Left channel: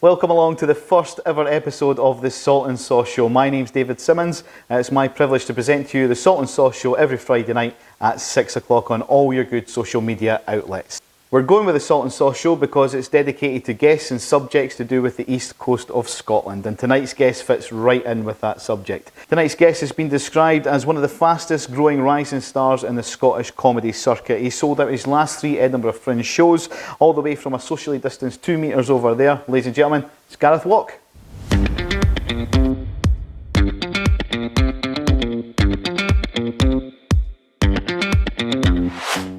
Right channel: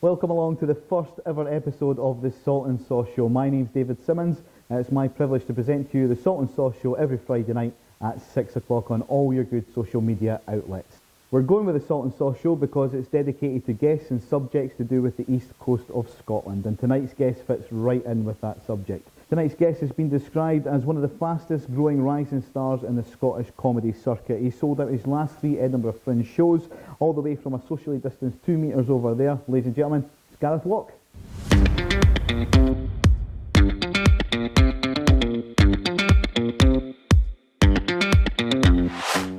Welcome along to the first ever episode of the Salt and Sauce Show. My name's David Simmonds. It's my privilege to present to you the Salt and Sauce Show every Friday night at 6 o'clock on all your good social media outlets. We're going with the Salt and Sauce Show because it's dedicated to guests and subjects to do with the east coast of Scotland, and tonight's guest fits right in with that subject. Tonight's guest has been described as one of the fastest growing rising stars in the Scottish comedy circuit. He sold out his last 3 Edinburgh Fringe shows, all the way from a socially distanced 2 metres over there. Ladies and gentlemen, it's Gareth Waugh.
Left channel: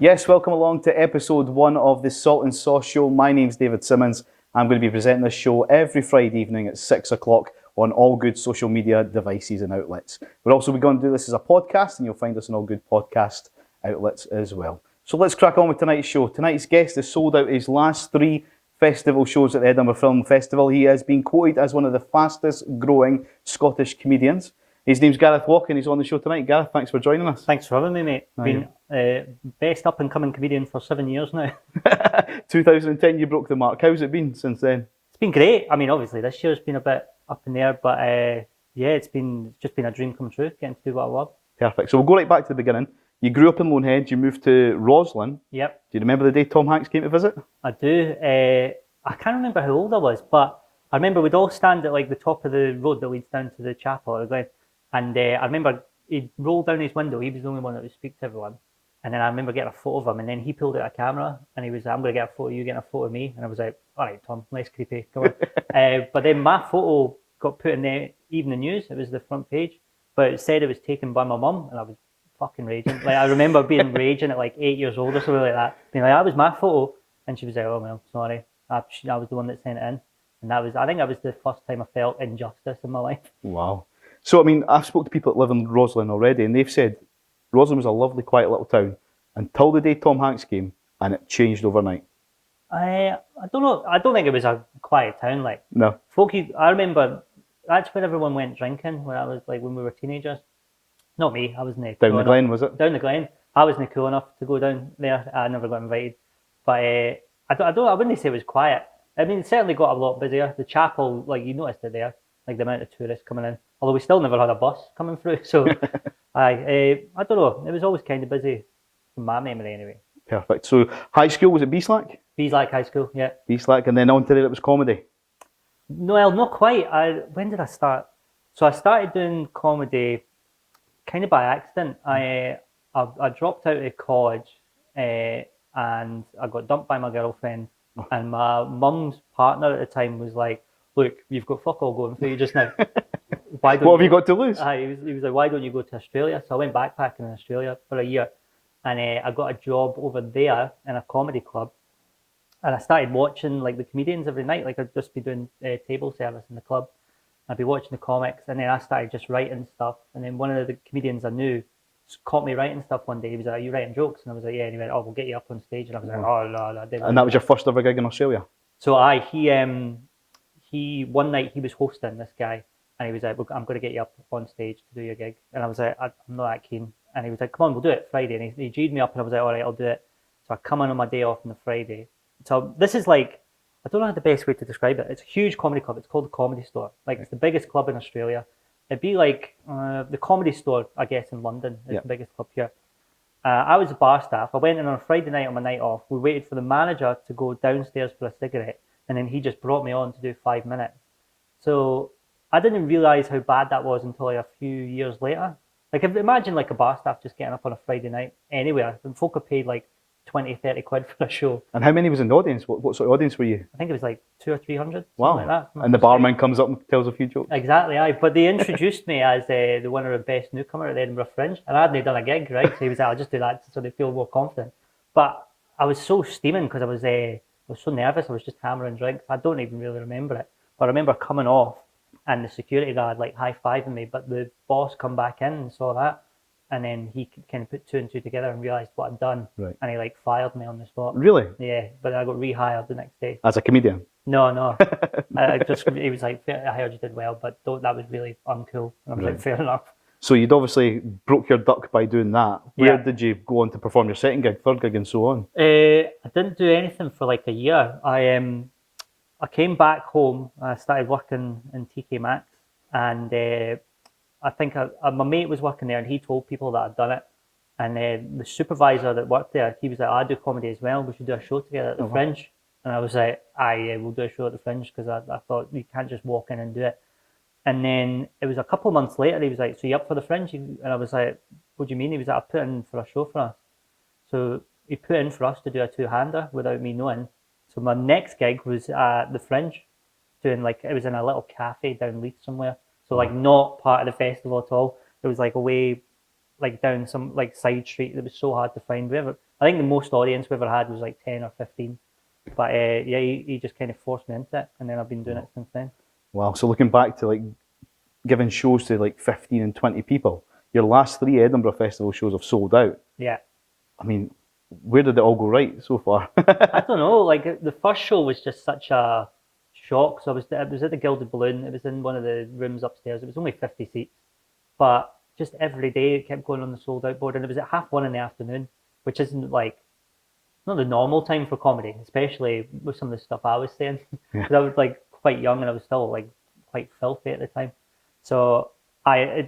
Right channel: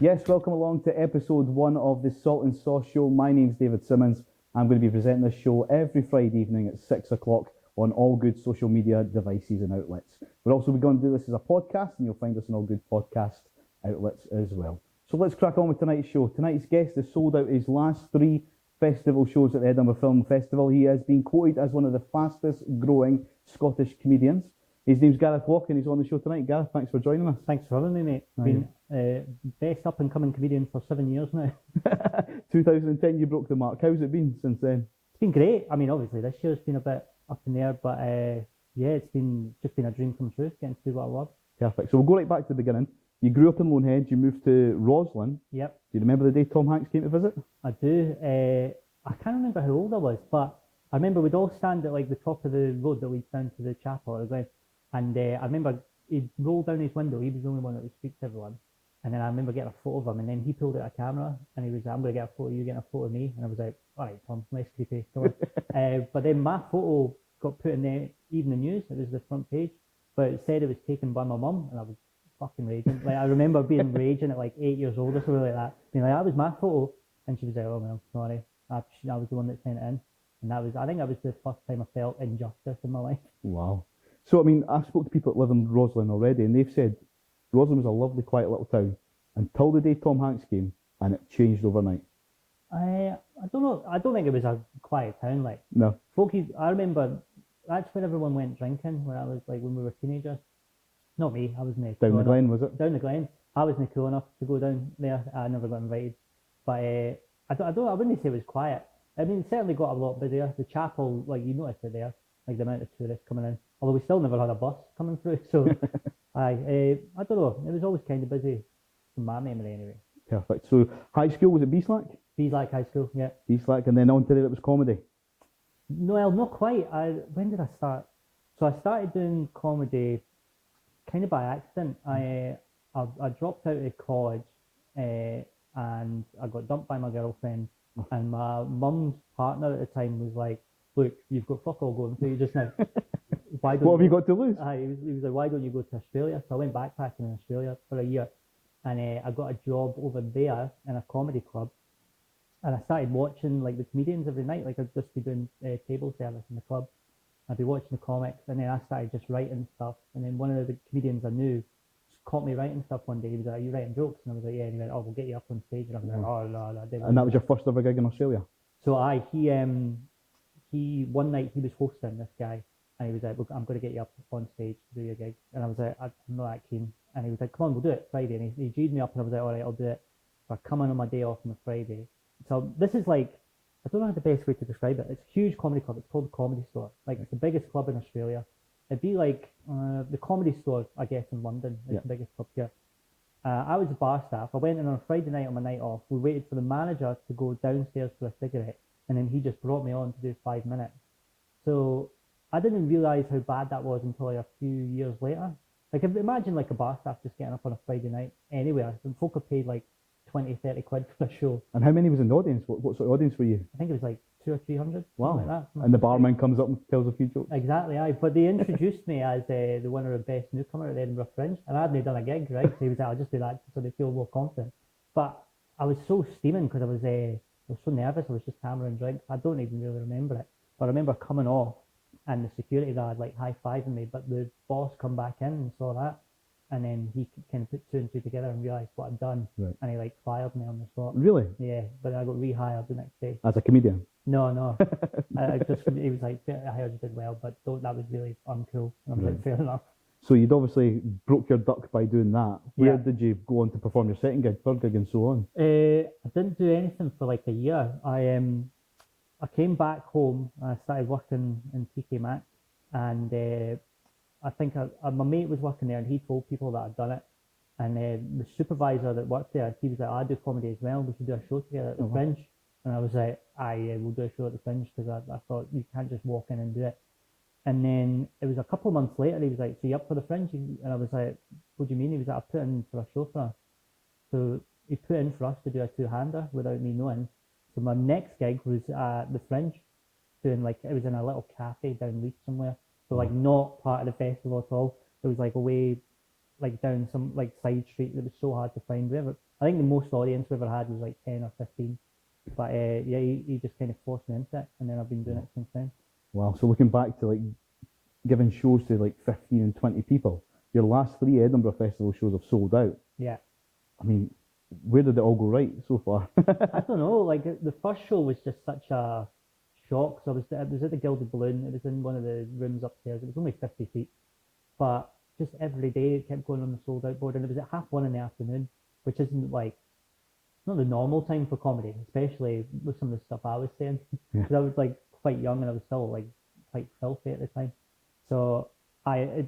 Yes, welcome along to episode 1 of the Salt and Sauce Show. My name's David Simmonds. I'm going to be presenting this show every Friday evening at 6 o'clock on all good social media devices and outlets. We're also going to do this as a podcast, and you'll find us on all good podcast outlets as well. So let's crack on with tonight's show. Tonight's guest has sold out his last 3 festival shows at the Edinburgh Film Festival. He has been quoted as one of the fastest growing Scottish comedians. His name's Gareth Waugh and he's on the show tonight. Gareth, thanks for joining us. Thanks for having me, mate. Been best up and coming comedian for 7 years now. 2010 you broke the mark. How's it been since then? It's been great. I mean, obviously this year's been a bit up in the air, but yeah, it's just been a dream come true, getting to do what I love. Perfect. So we'll go right back to the beginning. You grew up in Lonehead, you moved to Roslin. Yep. Do you remember the day Tom Hanks came to visit? I do. I can't remember how old I was, but I remember we'd all stand at like the top of the road that leads down to the chapel at the Glen. And I remember he'd roll down his window. He was the only one that would speak to everyone. And then I remember getting a photo of him. And then he pulled out a camera and he was like, I'm going to get a photo of you, getting a photo of me. And I was like, all right, Tom, less creepy. Come on. But then my photo got put in the evening news. It was the front page. But it said it was taken by my mum. And I was fucking raging. Like, I remember being raging at like 8 years old or something like that. Being like, that was my photo. And she was like, oh, well, sorry. I was the one that sent it in. And I think that was the first time I felt injustice in my life. Wow. So, I mean, I've spoken to people that live in Roslin already, and they've said Roslin was a lovely, quiet little town until the day Tom Hanks came, and it changed overnight. I don't know. I don't think it was a quiet town. Like, no. I remember that's where everyone went drinking when we were teenagers. Not me. I wasn't down the Glen, was it? Down the Glen. I wasn't cool enough to go down there. I never got invited. But I wouldn't say it was quiet. I mean, it certainly got a lot busier. The chapel, like you noticed it there, like the amount of tourists coming in. Although we still never had a bus coming through, so I don't know. It was always kind of busy, from my memory anyway. Perfect. So high school, was it Beeslack? Beeslack High School, yeah. Beeslack, and then on to there it was comedy. No, well, not quite. When did I start? So I started doing comedy kind of by accident. I dropped out of college and I got dumped by my girlfriend, and my mum's partner at the time was like, look, you've got fuck all going for you just now. What have you got to lose? He was like, why don't you go to Australia? So I went backpacking in Australia for a year, and I got a job over there in a comedy club, and I started watching like the comedians every night. Like I'd just be doing table service in the club. I'd be watching the comics, and then I started just writing stuff. And then one of the comedians I knew caught me writing stuff one day. He was like, are you writing jokes? And I was like, yeah. And he went, oh, we'll get you up on stage. And I was like, oh, no. And that was your first ever gig in Australia? So he one night he was hosting, this guy, and he was like, I'm going to get you up on stage to do your gig. And I was like, I'm not that keen. And he was like, come on, we'll do it Friday. And he G'd me up, and I was like, all right, I'll do it. So I come in on my day off on the Friday. So this is like, I don't know the best way to describe it. It's a huge comedy club. It's called the Comedy Store. Like, it's the biggest club in Australia. It'd be like the Comedy Store, I guess, in London is the biggest club here. I was a bar staff. I went in on a Friday night on my night off. We waited for the manager to go downstairs for a cigarette, and then he just brought me on to do 5 minutes. So I didn't realise how bad that was until like a few years later. Like, imagine like a bar staff just getting up on a Friday night anywhere, and folk are paid like 20, 30 quid for a show. And how many was in the audience? What sort of audience were you? I think it was like 200 or 300. Wow. Like that. And the barman comes up and tells a few jokes? Exactly, aye. But they introduced me as the winner of Best Newcomer at the Edinburgh Fringe. And I hadn't done a gig, right? So he was like, I'll just do that so they feel more confident. But I was so steaming because I was so nervous. I was just hammering drinks. I don't even really remember it. But I remember coming off and the security guard like high-fiving me. But the boss come back in and saw that. And then he kind of put 2 and 2 together and realised what I'd done. Right. And he like fired me on the spot. Really? Yeah, but I got rehired the next day. As a comedian? No. He was like, I heard you did well, but that was really uncool. And I was like, fair enough. So you'd obviously broke your duck by doing that. Where did you go on to perform your second gig, third gig and so on? I didn't do anything for like a year. I came back home. I started working in TK Maxx, and I think my mate was working there, and he told people that I'd done it. And the supervisor that worked there, he was like, I do comedy as well. We should do a show together at the Fringe. And I was like, aye, we'll do a show at the Fringe, because I thought you can't just walk in and do it. And then it was a couple of months later, he was like, so you up for the Fringe? And I was like, what do you mean? He was like, I put in for a show for us. So he put in for us to do a two-hander without me knowing. So my next gig was at the Fringe, doing like, it was in a little cafe down Leeds somewhere. So like not part of the festival at all. It was like away, like down some like side street that was so hard to find. I think the most audience we ever had was like 10 or 15. But yeah, he just kind of forced me into it, and then I've been doing it since then. Wow. So looking back to like giving shows to like 15 and 20 people, your last 3 Edinburgh Festival shows have sold out. Yeah. I mean, where did it all go right so far? I don't know. Like the first show was just such a shock. So it was at the Gilded Balloon. It was in one of the rooms upstairs. It was only 50 seats, but just every day it kept going on the sold out board, and it was at 1:30 in the afternoon, which isn't like not the normal time for comedy, especially with some of the stuff I was saying. Because I was like quite young and I was still like quite filthy at the time. So I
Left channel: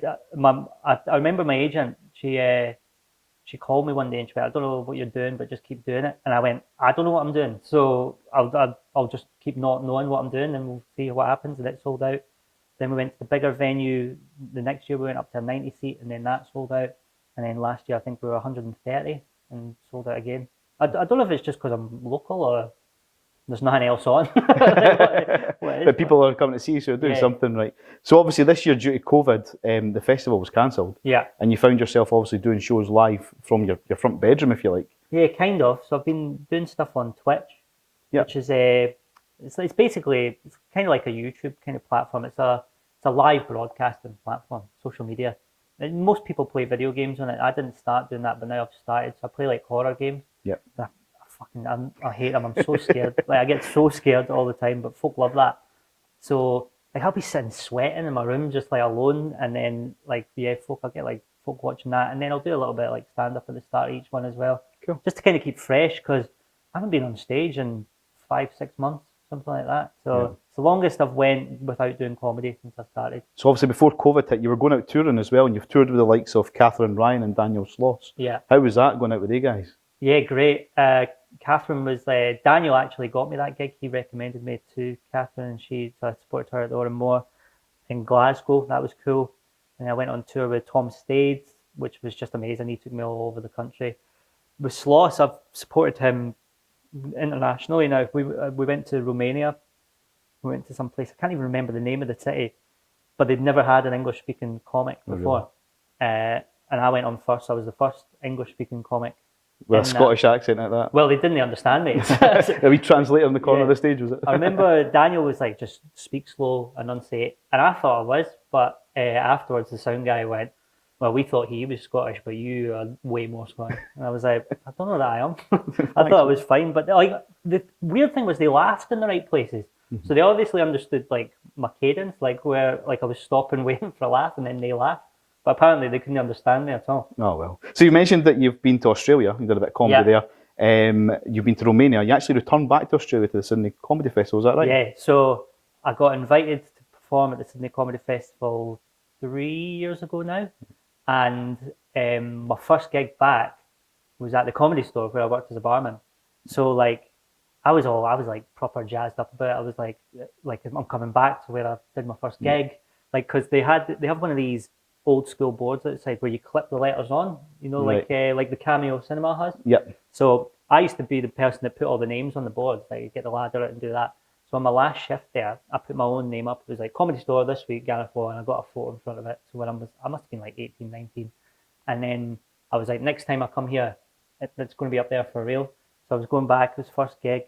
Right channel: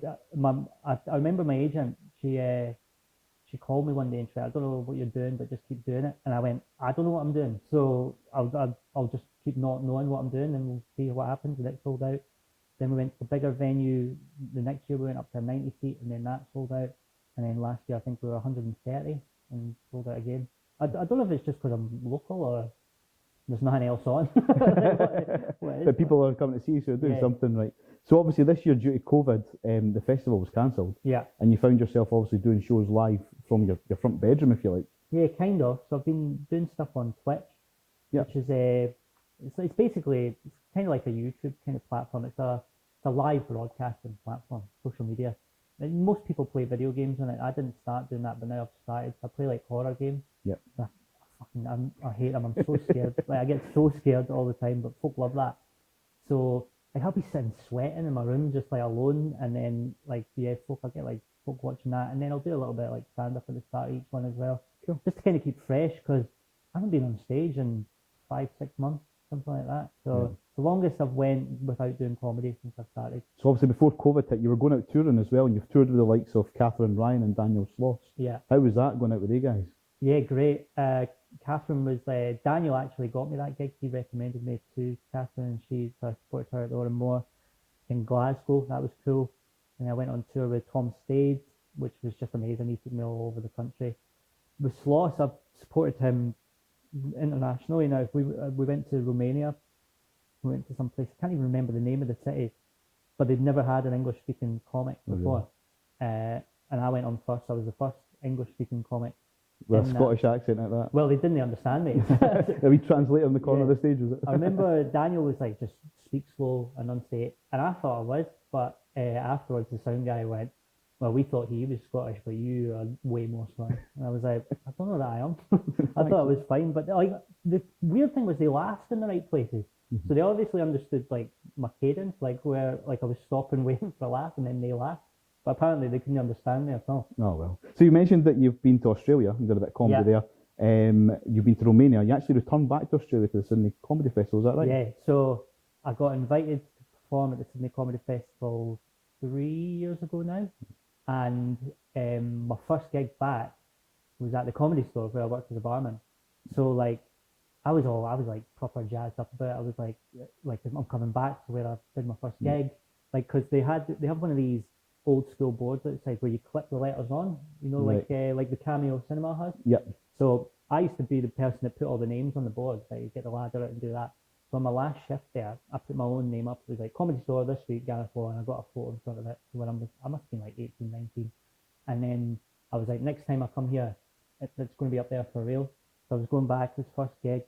remember my agent. She called me one day and she went, I don't know what you're doing, but just keep doing it. And I went, I don't know what I'm doing, so I'll just keep not knowing what I'm doing, and we'll see what happens. And it sold out. Then we went to the bigger venue. The next year we went up to a 90 seat, and then that sold out. And then last year I think we were 130 and sold out again. I don't know if it's just because I'm local or there's nothing else on. But people are coming to see you, so you're doing something right. So obviously this year, due to COVID, the festival was cancelled. Yeah. And you found yourself obviously doing shows live from your front bedroom, if you like. Yeah, kind of. So I've been doing stuff on Twitch, which is it's basically it's kind of like a YouTube kind of platform. It's a live broadcasting platform, social media. And most people play video games on it. I didn't start doing that, but now I've started. So I play like horror games. Yep. I hate them. I'm so scared. Like I get so scared all the time, but folk love that. So like I'll be sitting sweating in my room just like alone, and then like I'll get like folk watching that, and then I'll do a little bit of like stand up at the start of each one as well. Cool. Just to kind of keep fresh, because I haven't been on stage in 5-6 months, something like that. So it's the longest I've went without doing comedy since I started. So obviously before COVID hit, you were going out touring as well, and you've toured with the likes of Catherine Ryan and Daniel Sloss. Yeah. How was that going out with you guys? Yeah, great. Catherine was Daniel actually got me that gig. He recommended me to Catherine, and so I supported her at the Oran Moore in Glasgow. That was cool. And I went on tour with Tom Stades, which was just amazing. He took me all over the country. With Sloss, I've supported him internationally now. We went to Romania. We went to some place. I can't even remember the name of the city, but they'd never had an English-speaking comic before. And I went on first. I was the first English-speaking comic. With a Scottish accent like that. Well, they didn't understand me. A wee translator in the corner of the stage, was it? I remember Daniel was like, just speak slow, enunciate. And I thought I was, but afterwards the sound guy went, well, we thought he was Scottish, but you are way more Scottish. And I was like, I don't know that I am. I thought it was fine. But like the weird thing was they laughed in the right places. Mm-hmm. So they obviously understood like my cadence, like where like I was stopping waiting for a laugh, and then they laughed. But apparently they couldn't understand me at all. Oh, well. So you mentioned that you've been to Australia. You did a bit of comedy there. You've been to Romania. You actually returned back to Australia to the Sydney Comedy Festival. Is that right? Yeah. So I got invited to perform at the Sydney Comedy Festival 3 years ago now. And my first gig back was at the Comedy Store where I worked as a barman. So like I was like proper jazzed up about it. I was like I'm coming back to where I did my first gig. Like, because they have one of these old school boards outside where you clip the letters on, you know, like the Cameo Cinema has. Yep. So I used to be the person that put all the names on the board, like you get the ladder out and do that. So on my last shift there, I put my own name up. It was like Comedy Store this week, Gareth Waugh, and I got a photo in front of it. So when I must have been like 18, 19. And then I was like, next time I come here, it's going to be up there for real. So I was going back, it was first gig,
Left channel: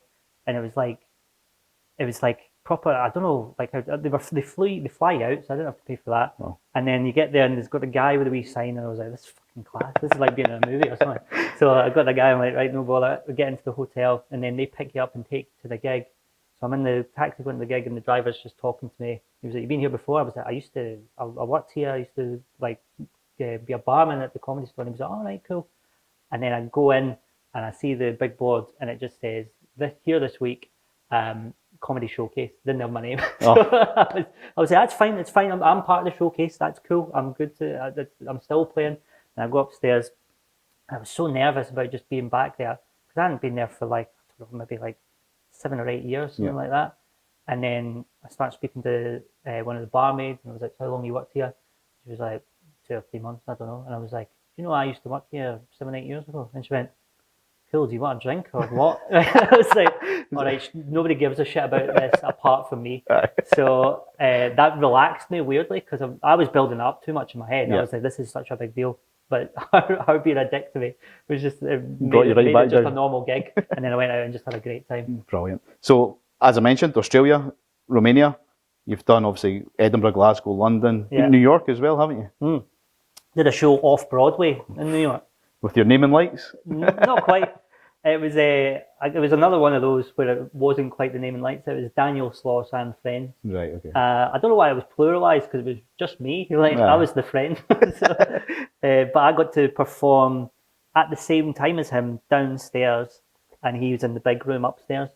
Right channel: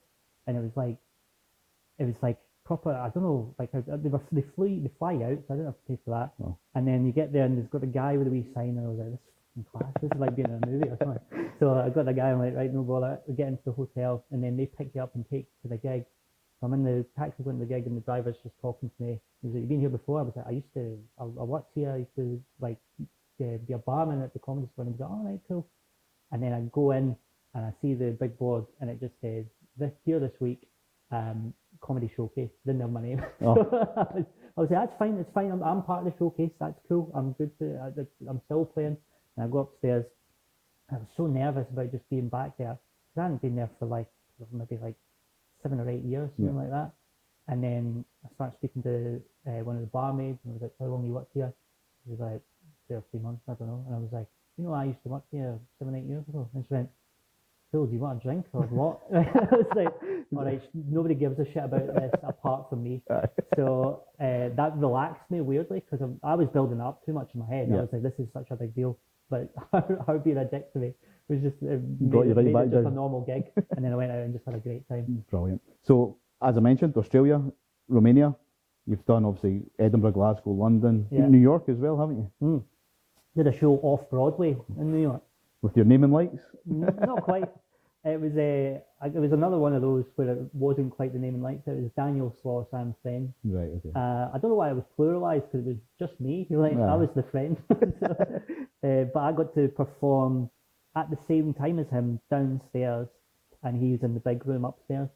and it was like proper, I don't know, like they fly out, so I didn't have to pay for that. Oh. And then you get there and there's got a guy with a wee sign, and I was like, this is fucking class. This is like being in a movie or something. So I got the guy, I'm like, right, no bother. We get into the hotel, and then they pick you up and take you to the gig. So I'm in the taxi going to the gig, and the driver's just talking to me. He was like, you've been here before? I was like, I worked here. I used to like be a barman at the Comedy Store. And he was like, all right, cool. And then I go in and I see the big board, and it just says, here this week, comedy showcase. Didn't have my name. Oh. So I was like, that's fine, it's fine. I'm part of the showcase. That's cool. I'm good to. I'm still playing. And I go upstairs. I was so nervous about just being back there because I hadn't been there for like maybe like 7 or 8 years, something like that. And then I started speaking to one of the barmaids, and I was like, "How long you worked here?" She was like, 2 or 3 months, I don't know. And I was like, "You know, I used to work here 7, 8 years ago." And she went, "Cool, do you want a drink or what?" I was like, "All right, nobody gives a shit about this apart from me." So that relaxed me weirdly because I was building it up too much in my head. I was like, "This is such a big deal." But her being a dick to me was just made it just a normal gig. And then I went out and just had a great time. Brilliant. So, as I mentioned, Australia, Romania, you've done obviously Edinburgh, Glasgow, London, New York as well, haven't you? Did a show off Broadway in New York. With your naming lights? Not quite. It was another one of those where it wasn't quite the naming lights. It was Daniel Sloss and Friends. Right, okay. I don't know why it was pluralised because it was just me. Like I was the friend. So, but I got to perform at the same time as him downstairs, and he was in the big room upstairs.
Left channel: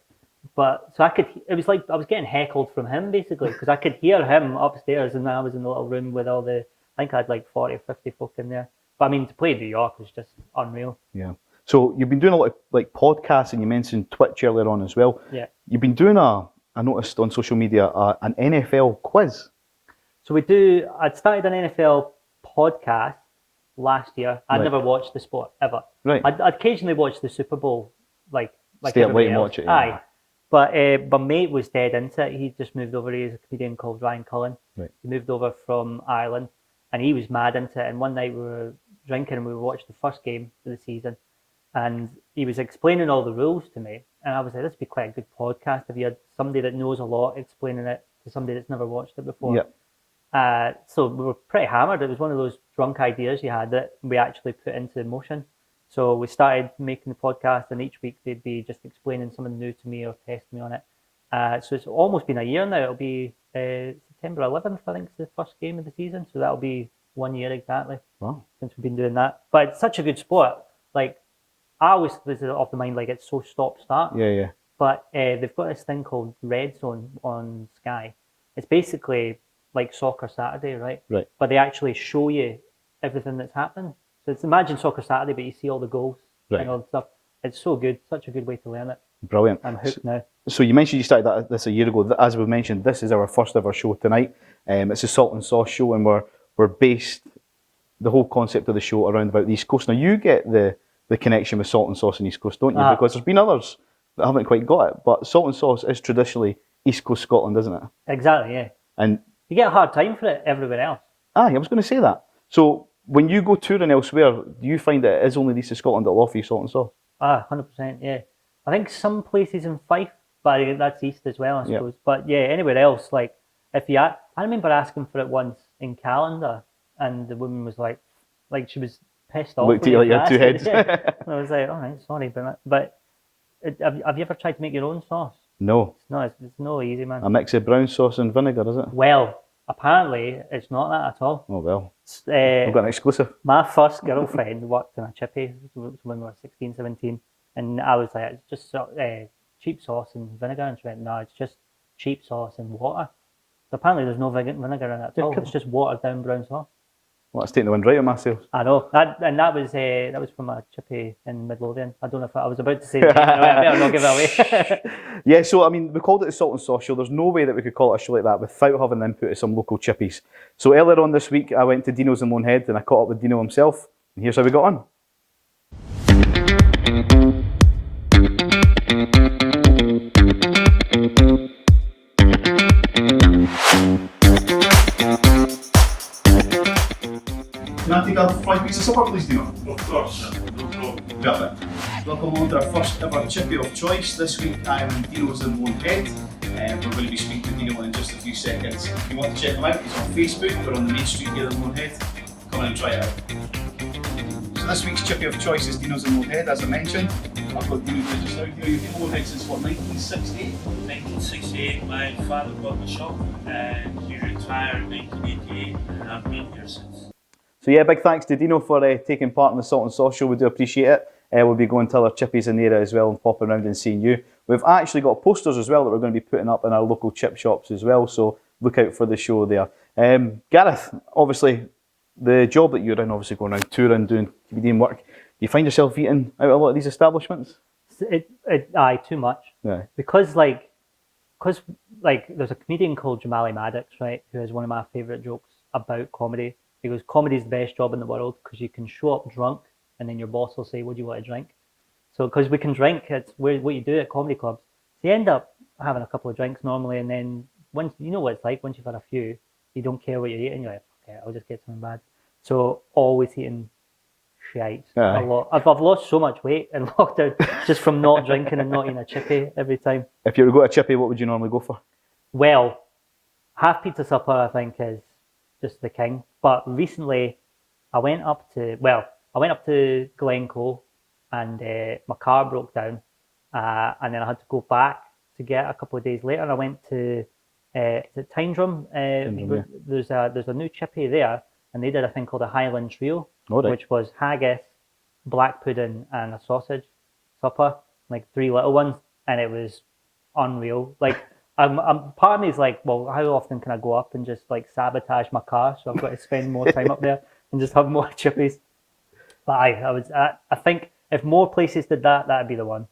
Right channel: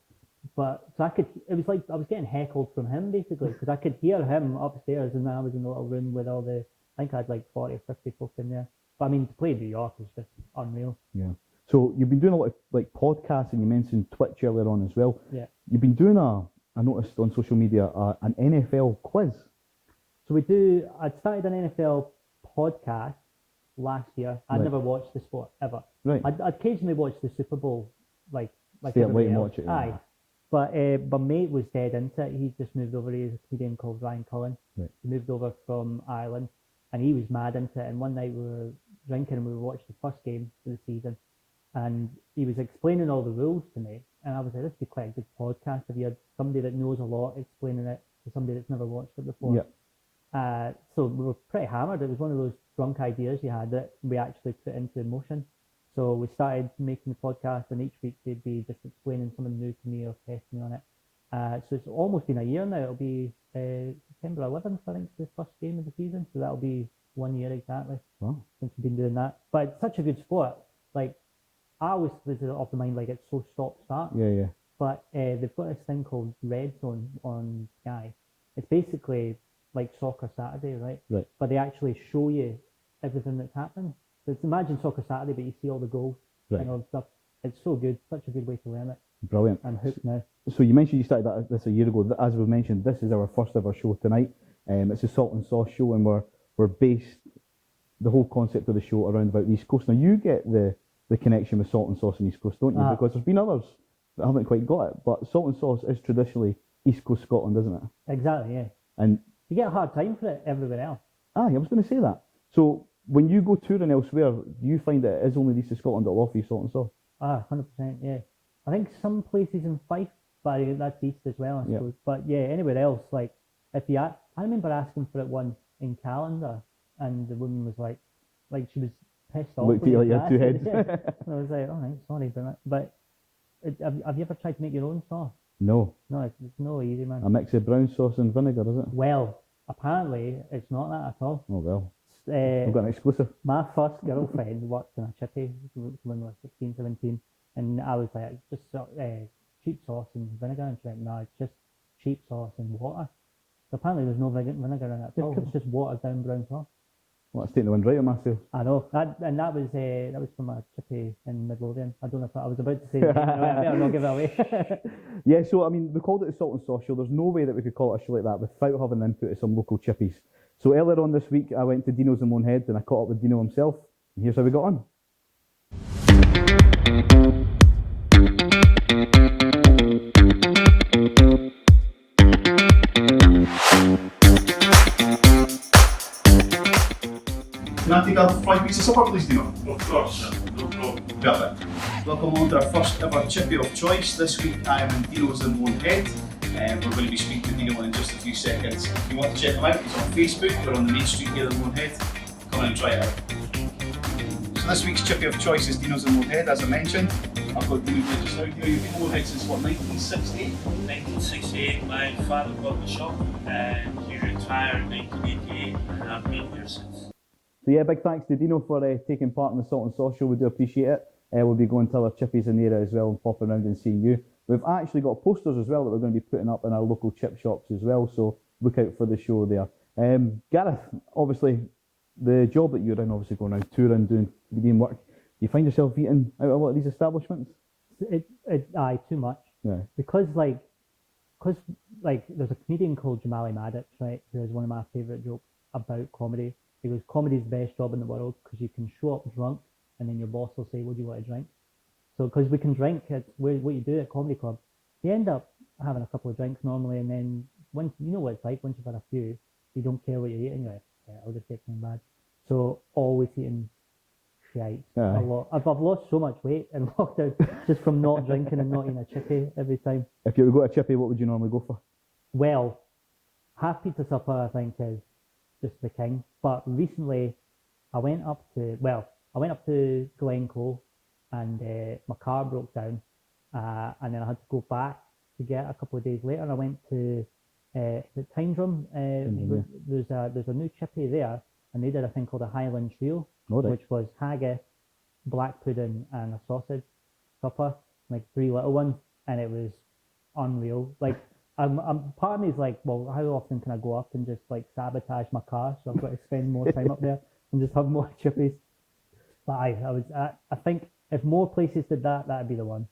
But so it was like I was getting heckled from him basically because I could hear him upstairs, and I was in the little room with all I think I had like 40 or 50 folk in there. But I mean, to play in New York was just unreal. Yeah. So you've been doing a lot of like podcasts, and you mentioned Twitch earlier on as well. Yeah. You've been doing I noticed on social media, an NFL quiz. So I'd started an NFL podcast last year. I'd never watched the sport ever. Right. I'd occasionally watch the Super Bowl, like stay up late and else. watch it. Yeah. Aye. But my mate was dead into it. He just moved over. He's a comedian called Ryan Cullen. Right. He moved over from Ireland, and he was mad into it. And one night we were drinking and we watched the first game of the season, and he was explaining all the rules to me. And I was like, this would be quite a good podcast if you had somebody that knows a lot explaining it to somebody that's never watched it before. Yeah. So we were pretty hammered. It was one of those drunk ideas you had that we actually put into motion. So we started making the podcast, and each week they'd be just explaining something new to me or testing me on it. So it's almost been a year now. It'll be September 11th, I think, is the first game of the season. So that'll be 1 year exactly since we've been doing that. But it's such a good sport. Like, I always was of the mind like it's so stop-start. Yeah. But they've got this thing called Red Zone on Sky. It's basically like Soccer Saturday, right? Right. But they actually show you everything that's happened. So it's imagine Soccer Saturday, but you see all the goals and all the stuff. It's so good. Such a good way to learn it. Brilliant. I'm hooked now. So you mentioned you started this a year ago. As we mentioned, this is our first ever show tonight. It's a Salt and Sauce show, and we're based the whole concept of the show around about the East Coast. Now you get the connection with Salt and Sauce in East Coast, don't you? Because there's been others that haven't quite got it. But Salt and Sauce is traditionally East Coast Scotland, isn't it? Exactly, yeah. And you get a hard time for it everywhere else. I was going to say that. So when you go touring elsewhere, do you find that it is only the East of Scotland that will offer you Salt and Sauce? 100%, yeah. I think some places in Fife, but that's east as well, I suppose. But yeah, anywhere else, like I remember asking for it once in Calendar, and the woman was like she was pissed off. Looked at you like you had two heads. Yeah. I was like, all right, sorry, but have you ever tried to make your own sauce? No. It's no easy, man. A mix of brown sauce and vinegar, is it? Well, apparently it's not that at all. Oh well. I've got an exclusive. My first girlfriend worked in a chippy when we were 16, 17, and I was like, it's just cheap sauce and vinegar, and she went, no, it's just cheap sauce and water. So apparently there's no vinegar in it at all. It's just watered down brown sauce. Well, that's taking the wind right on my sails. I know. That was from a chippy in Midlothian. I don't know if I was about to say it. I better not give it away. Yeah, so I mean, we called it the Salt and Sauce Show. There's no way that we could call it a show like that without having the input of some local chippies. So earlier on this week, I went to Dino's in Lone Head and I caught up with Dino himself. And here's how we got on. Can I take a fried piece of supper, please, Dino? Of course, no problem. Perfect. Welcome on to our first ever chippy of choice. This week I am in Dino's in Lone Head. We're going to be speaking to Dino in just a few seconds. If you want to check him out, he's on Facebook. We're on the main street here in Lone Head. Come on and try it out. So this week's chippy of choice is Dino's in Lone Head, as I mentioned. I've got Dino here just now. Dino, you've been in Lone Head since what, 1968? 1968, my father bought the shop and he retired in 1988 and I've been here since. So yeah, big thanks to Dino for taking part in the Salt and Sauce Show. We do appreciate it. We'll be going to other chippies in the area as well and popping around and seeing you. We've actually got posters as well that we're going to be putting up in our local chip shops as well, so look out for the show there. Gareth, obviously, the job that you're in, obviously going around touring, doing comedian work, you find yourself eating out a lot of these establishments? Aye, too much. Yeah. Because there's a comedian called Jamali Maddox, right, who has one of my favourite jokes about comedy. He goes, comedy's the best job in the world because you can show up drunk and then your boss will say, what do you want to drink? So, because we can drink, it's what you do at comedy clubs. So you end up having a couple of drinks normally, and then once you know what it's like, once you've had a few, you don't care what you're eating. You're like, okay, I'll just get something bad. So always eating shite a lot. I've lost so much weight in lockdown just from not drinking and not eating a chippy every time. If you were to go to a chippy, what would you normally go for? Well, half pizza supper I think is just the king. But recently, I went up to Glencoe, and my car broke down, and then I had to go back to get a couple of days later. And I went to is it Tyndrum? Yeah. There's a new chippy there, and they did a thing called a Highland Trio, which was haggis, black pudding, and a sausage supper, like 3 little ones, and it was unreal. Like, I'm part of me is like, well, how often can I go up and just like sabotage my car? So I've got to spend more time up there and just have more chippies. But I think if more places did that, that'd be the one.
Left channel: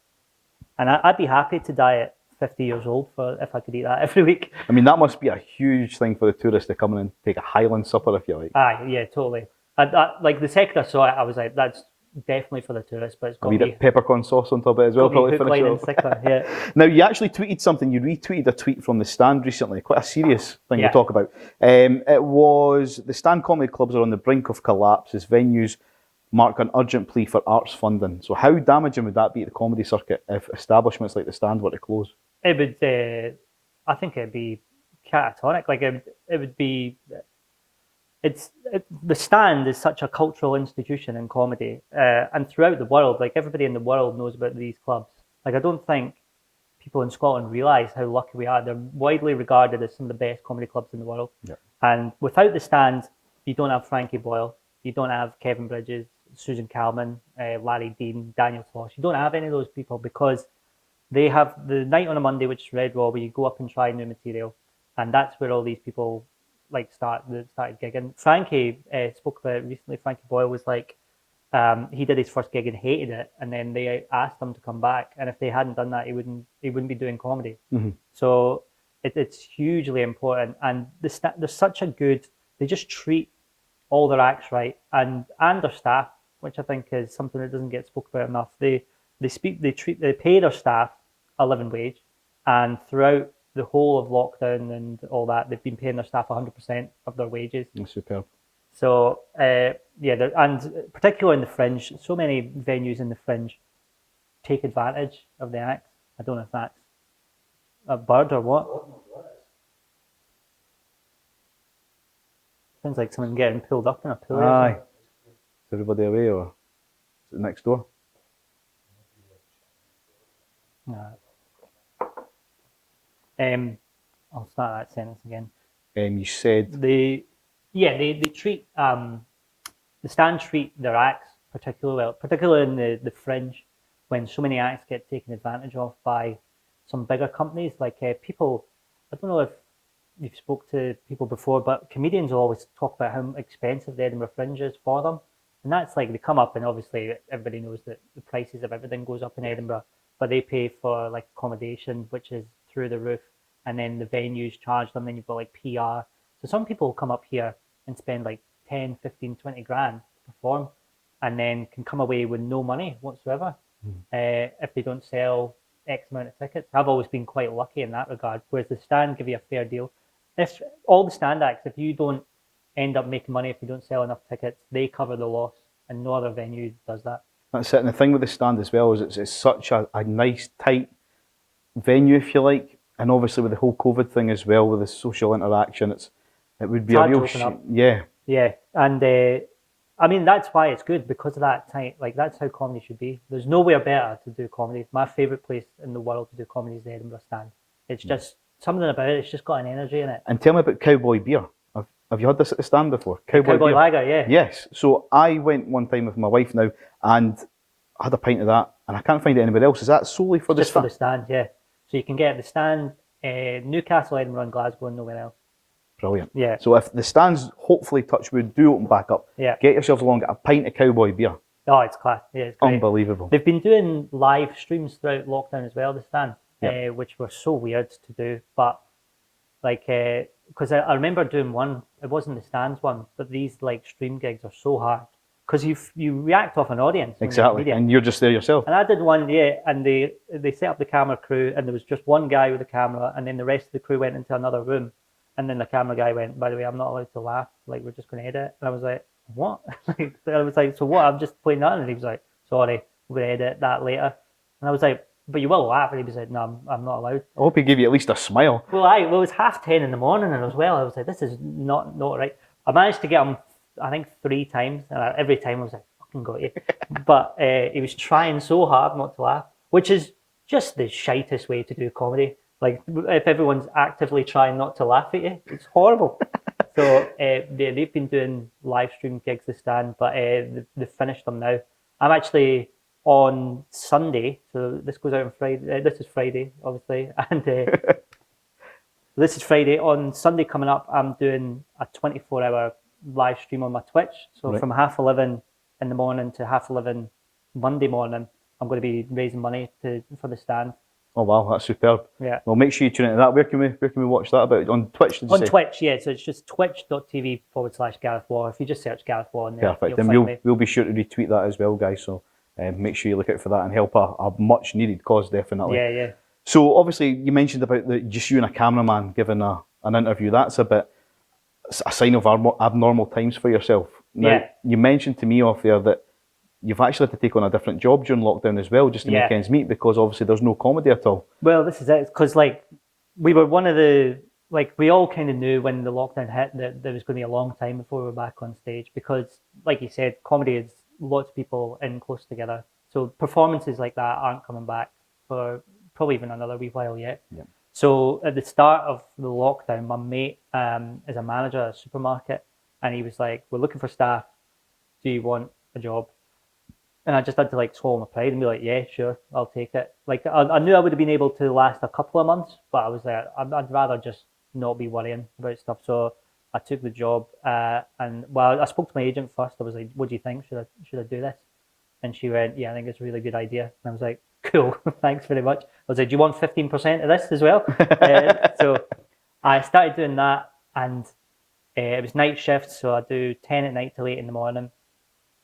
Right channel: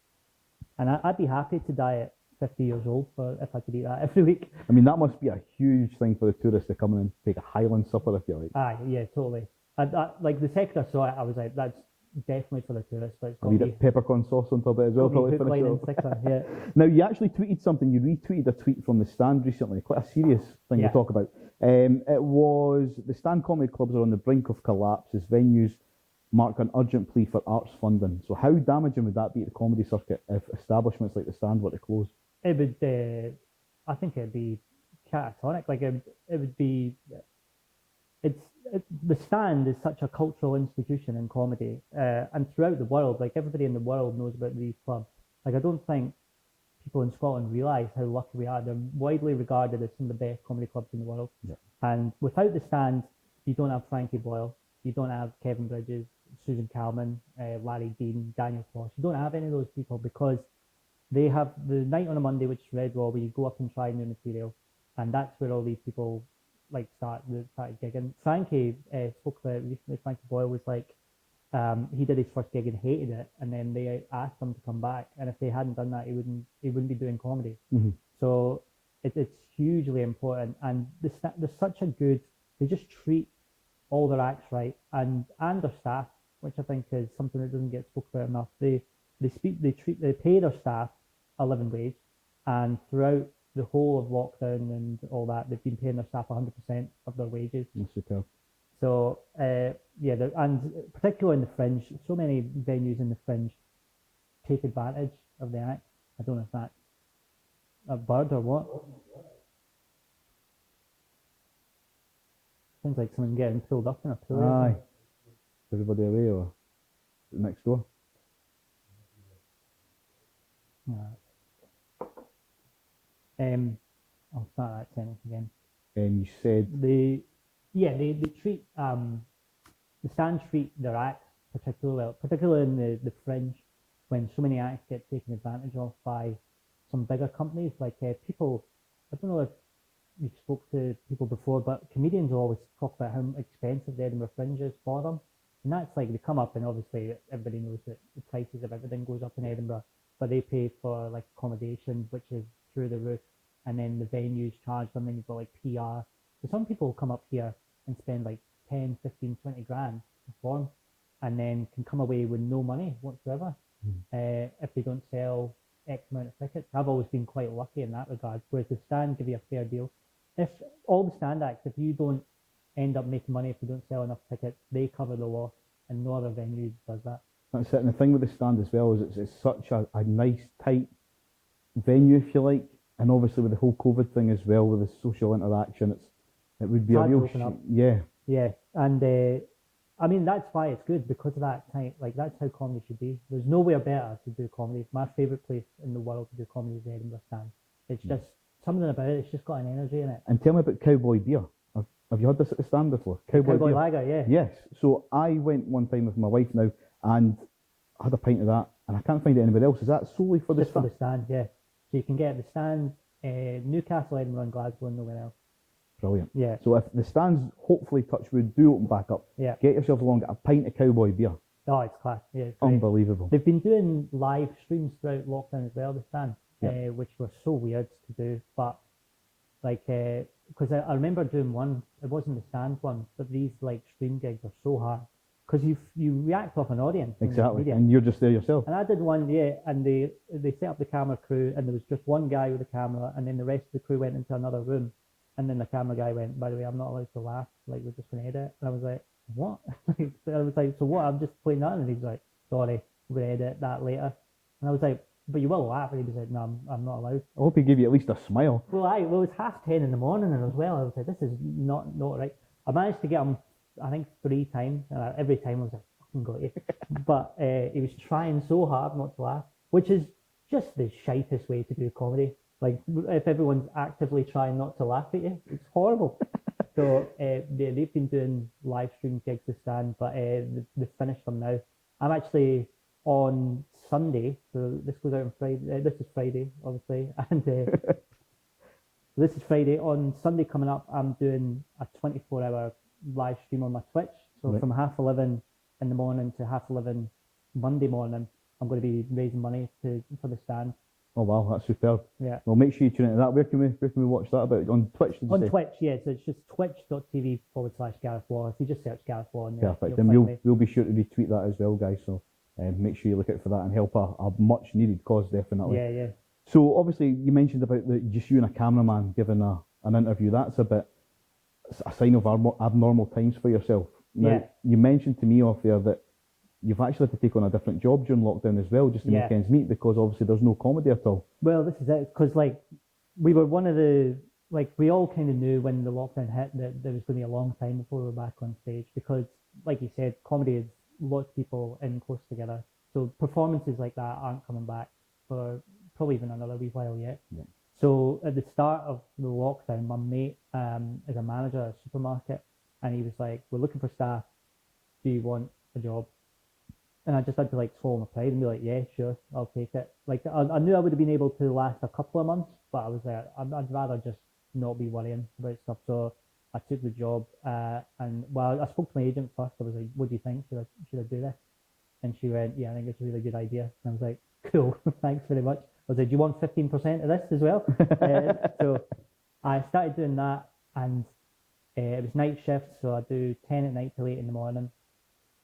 And I'd be happy to die at 50 years old if I could eat that every week. I mean, that must be a huge thing for the tourists to come in and take a Highland supper, if you like. Aye, yeah, totally. Like the second I saw it, I was like, that's definitely for the tourists, but it's got a wee bit of peppercorn sauce on top of it as well, probably finish it off. Yeah. Now, you actually tweeted something. You retweeted a tweet from the Stand recently, quite a serious thing to talk about. It was, the Stand comedy clubs are on the brink of collapse as venues mark an urgent plea for arts funding. So how damaging would that be to the comedy circuit if establishments like the Stand were to close? It would, I think it'd be catatonic. Like it would be, the Stand is such a cultural institution in comedy, and throughout the world, like everybody in the world knows about these clubs. Like I don't think people in Scotland realise how lucky we are. They're widely regarded as some of the best comedy clubs in the world. Yeah. And without the Stand, you don't have Frankie Boyle, you don't have Kevin Bridges, Susan Calman, Larry Dean, Daniel Sloss. You don't have any of those people because they have the night on a Monday, which is Red Raw, where you go up and try new material, and that's where all these people like started gigging. Frankie spoke about it recently. Frankie Boyle was like, he did his first gig and hated it, and then they asked him to come back, and if they hadn't done that, he wouldn't be doing comedy. Mm-hmm. So it's hugely important, and there's such a good. They just treat all their acts right, and their staff, which I think is something that doesn't get spoken about enough. They pay their staff a living wage, and throughout the whole of lockdown and all that, they've been paying their staff 100% of their wages. That's superb. So and particularly in the Fringe, so many venues in the Fringe take advantage of the acts. I don't know if that's a bird or what. Sounds like someone getting pulled up in a pool. Aye. Is everybody away or is it next door? I'll start that sentence again. You said they treat the Stand treat their acts particularly well, particularly in the Fringe, when so many acts get taken advantage of by some bigger companies. Like people, I don't know if you've spoke to people before, but comedians will always talk about how expensive the Edinburgh Fringe is for them, and that's like they come up, and obviously everybody knows that the prices of everything goes up in Edinburgh, but they pay for like accommodation, which is through the roof, and then the venues charge them, then you've got like PR. So some people come up here and spend like 10, 15, 20 grand to perform, and then can come away with no money whatsoever if they don't sell X amount of tickets. I've always been quite lucky in that regard, whereas the Stand give you a fair deal. If all the Stand acts, if you don't end up making money, if you don't sell enough tickets, they cover the loss, and no other venue does that. That's it. And the thing with the Stand as well is it's such a nice, tight venue, if you like, and obviously with the whole COVID thing as well, with the social interaction, it would be a real yeah, and I mean that's why it's good, because of that tight. Like that's how comedy should be. There's nowhere better to do comedy. My favourite place in the world to do comedy is the Edinburgh Stand. It's just something about it. It's just got an energy in it. And tell me about Cowboy Beer. Have you had this at the Stand before? Cowboy Beer. Lager, yeah. Yes. So I went one time with my wife now, and I had a pint of that, And I can't find it anywhere else. Is that solely for the Just for stand? the stand, yeah. So you can get the stand, Newcastle, Edinburgh, and Glasgow, and nowhere else. Brilliant. Yeah. So if the stands, hopefully, touch wood, do open back up, Yeah. get yourselves along, get a pint of cowboy beer. Oh, it's class. Yeah, it's great. Unbelievable. They've been doing live streams throughout lockdown as well, the stand, Yeah. which were so weird to do. But like, because I remember doing one, it wasn't the stands one, but these like stream gigs are so hard because you react off an audience. when you're a Exactly. comedian. And you're just there yourself. And I did one, yeah, and they set up the camera crew, and there was just one guy with a camera, and then the rest of the crew went into another room, and then the camera guy went, by the way, I'm not allowed to laugh, like we're just going to edit. And I was like, what? I was like, so what? I'm just playing that, and he was like, sorry, we're going to edit that later. And I was like, but you will laugh, and he was like, no, I'm not allowed. I hope he gave you at least a smile. Well, it was 10:30 in the morning, and as well, I was like, this is not right. I managed to get him, I think, 3 times, and every time I was like, fucking got you. But he was trying so hard not to laugh, which is just the shitest way to do comedy. Like, if everyone's actively trying not to laugh at you, it's horrible. So they've been doing live stream gigs this stand, but they've finished them now. I'm actually on Sunday, so this goes out on Friday. This is Friday, obviously, and this is Friday. On Sunday coming up, I'm doing a 24-hour live stream on my Twitch. So Right. from 11:30 in the morning to 11:30 Monday morning, I'm going to be raising money for the stand. Oh wow, that's superb. Yeah. Well, make sure you tune into that. Where can we watch that about? On Twitch, did you On say? Twitch, yeah. So it's just twitch.tv/Gareth Waugh. If you just search Gareth Waugh in there, Perfect. you'll And find me. we'll be sure to retweet that as well, guys. So make sure you look out for that and help a much needed cause, definitely. Yeah, yeah. So obviously you mentioned about just you and a cameraman giving an interview. That's a sign of abnormal times for yourself. Now, Yeah. you mentioned to me off there that you've actually had to take on a different job during lockdown as well, just to Yeah. make ends meet, because obviously there's no comedy at all. Well, this is it, because like we were one of the we all kind of knew when the lockdown hit that there was going to be a long time before we were back on stage, because like you said, comedy is lots of people in close together, so performances like that aren't coming back for probably even another wee while yet. Yeah. So at the start of the lockdown, my mate is a manager at a supermarket, and he was like, "We're looking for staff. Do you want a job?" And I just had to like swallow my pride and be like, yeah, sure, I'll take it. Like I knew I would have been able to last a couple of months, but I was like, I'd rather just not be worrying about stuff. So I took the job, and well, I spoke to my agent first. I was like, what do you think? Should I do this? And she went, yeah, I think it's a really good idea. And I was like, cool, thanks very much. I was like, do you want 15% of this as well? So I started doing that, and it was night shifts, so I do 10 at night till 8 in the morning.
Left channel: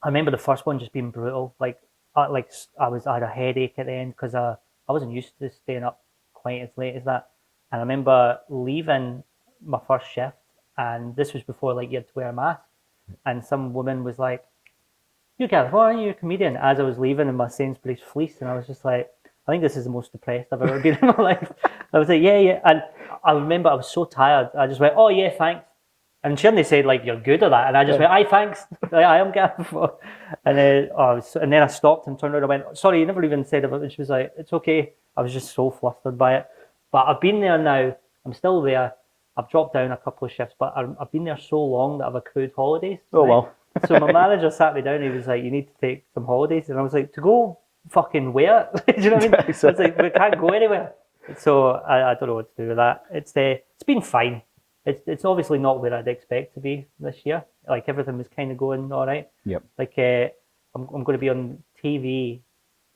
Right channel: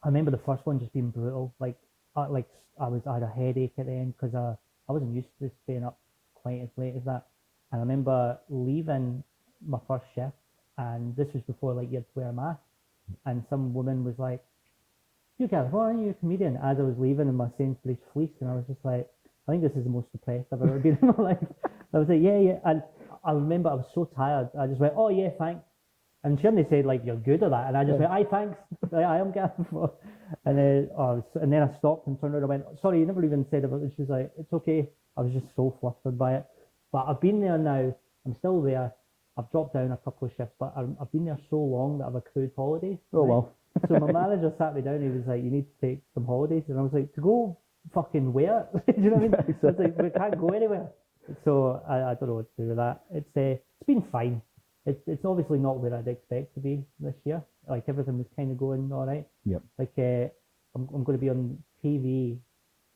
I remember the first one just being brutal. I had a headache at the end because I wasn't used to staying up quite as late as that. And I remember leaving my first shift, and this was before like you had to wear a mask. And some woman was like, "You Gareth, why aren't you a comedian?" As I was leaving in my Sainsbury's fleece, and I was just like, I think this is the most depressed I've ever been in my life. I was like, yeah. And I remember I was so tired. I just went, oh yeah, thanks. And she only said like, you're good at that. And I just went, aye, thanks. Like, I am Gareth. And then I stopped and turned around and went, sorry, you never even said about it. And she was like, it's okay. I was just so flustered by it. But I've been there now. I'm still there. I've dropped down a couple of shifts, but I've been there so long that I've accrued holidays. Oh, well. So my manager sat me down. He was like, you need to take some holidays. And I was like, to go fucking where? Do you know what I mean? I was like, we can't go anywhere. So I don't know what to do with that. It's been fine. It's obviously not where I'd expect to be this year. Like everything was kind of going all right. Yep. Like I'm going to be on TV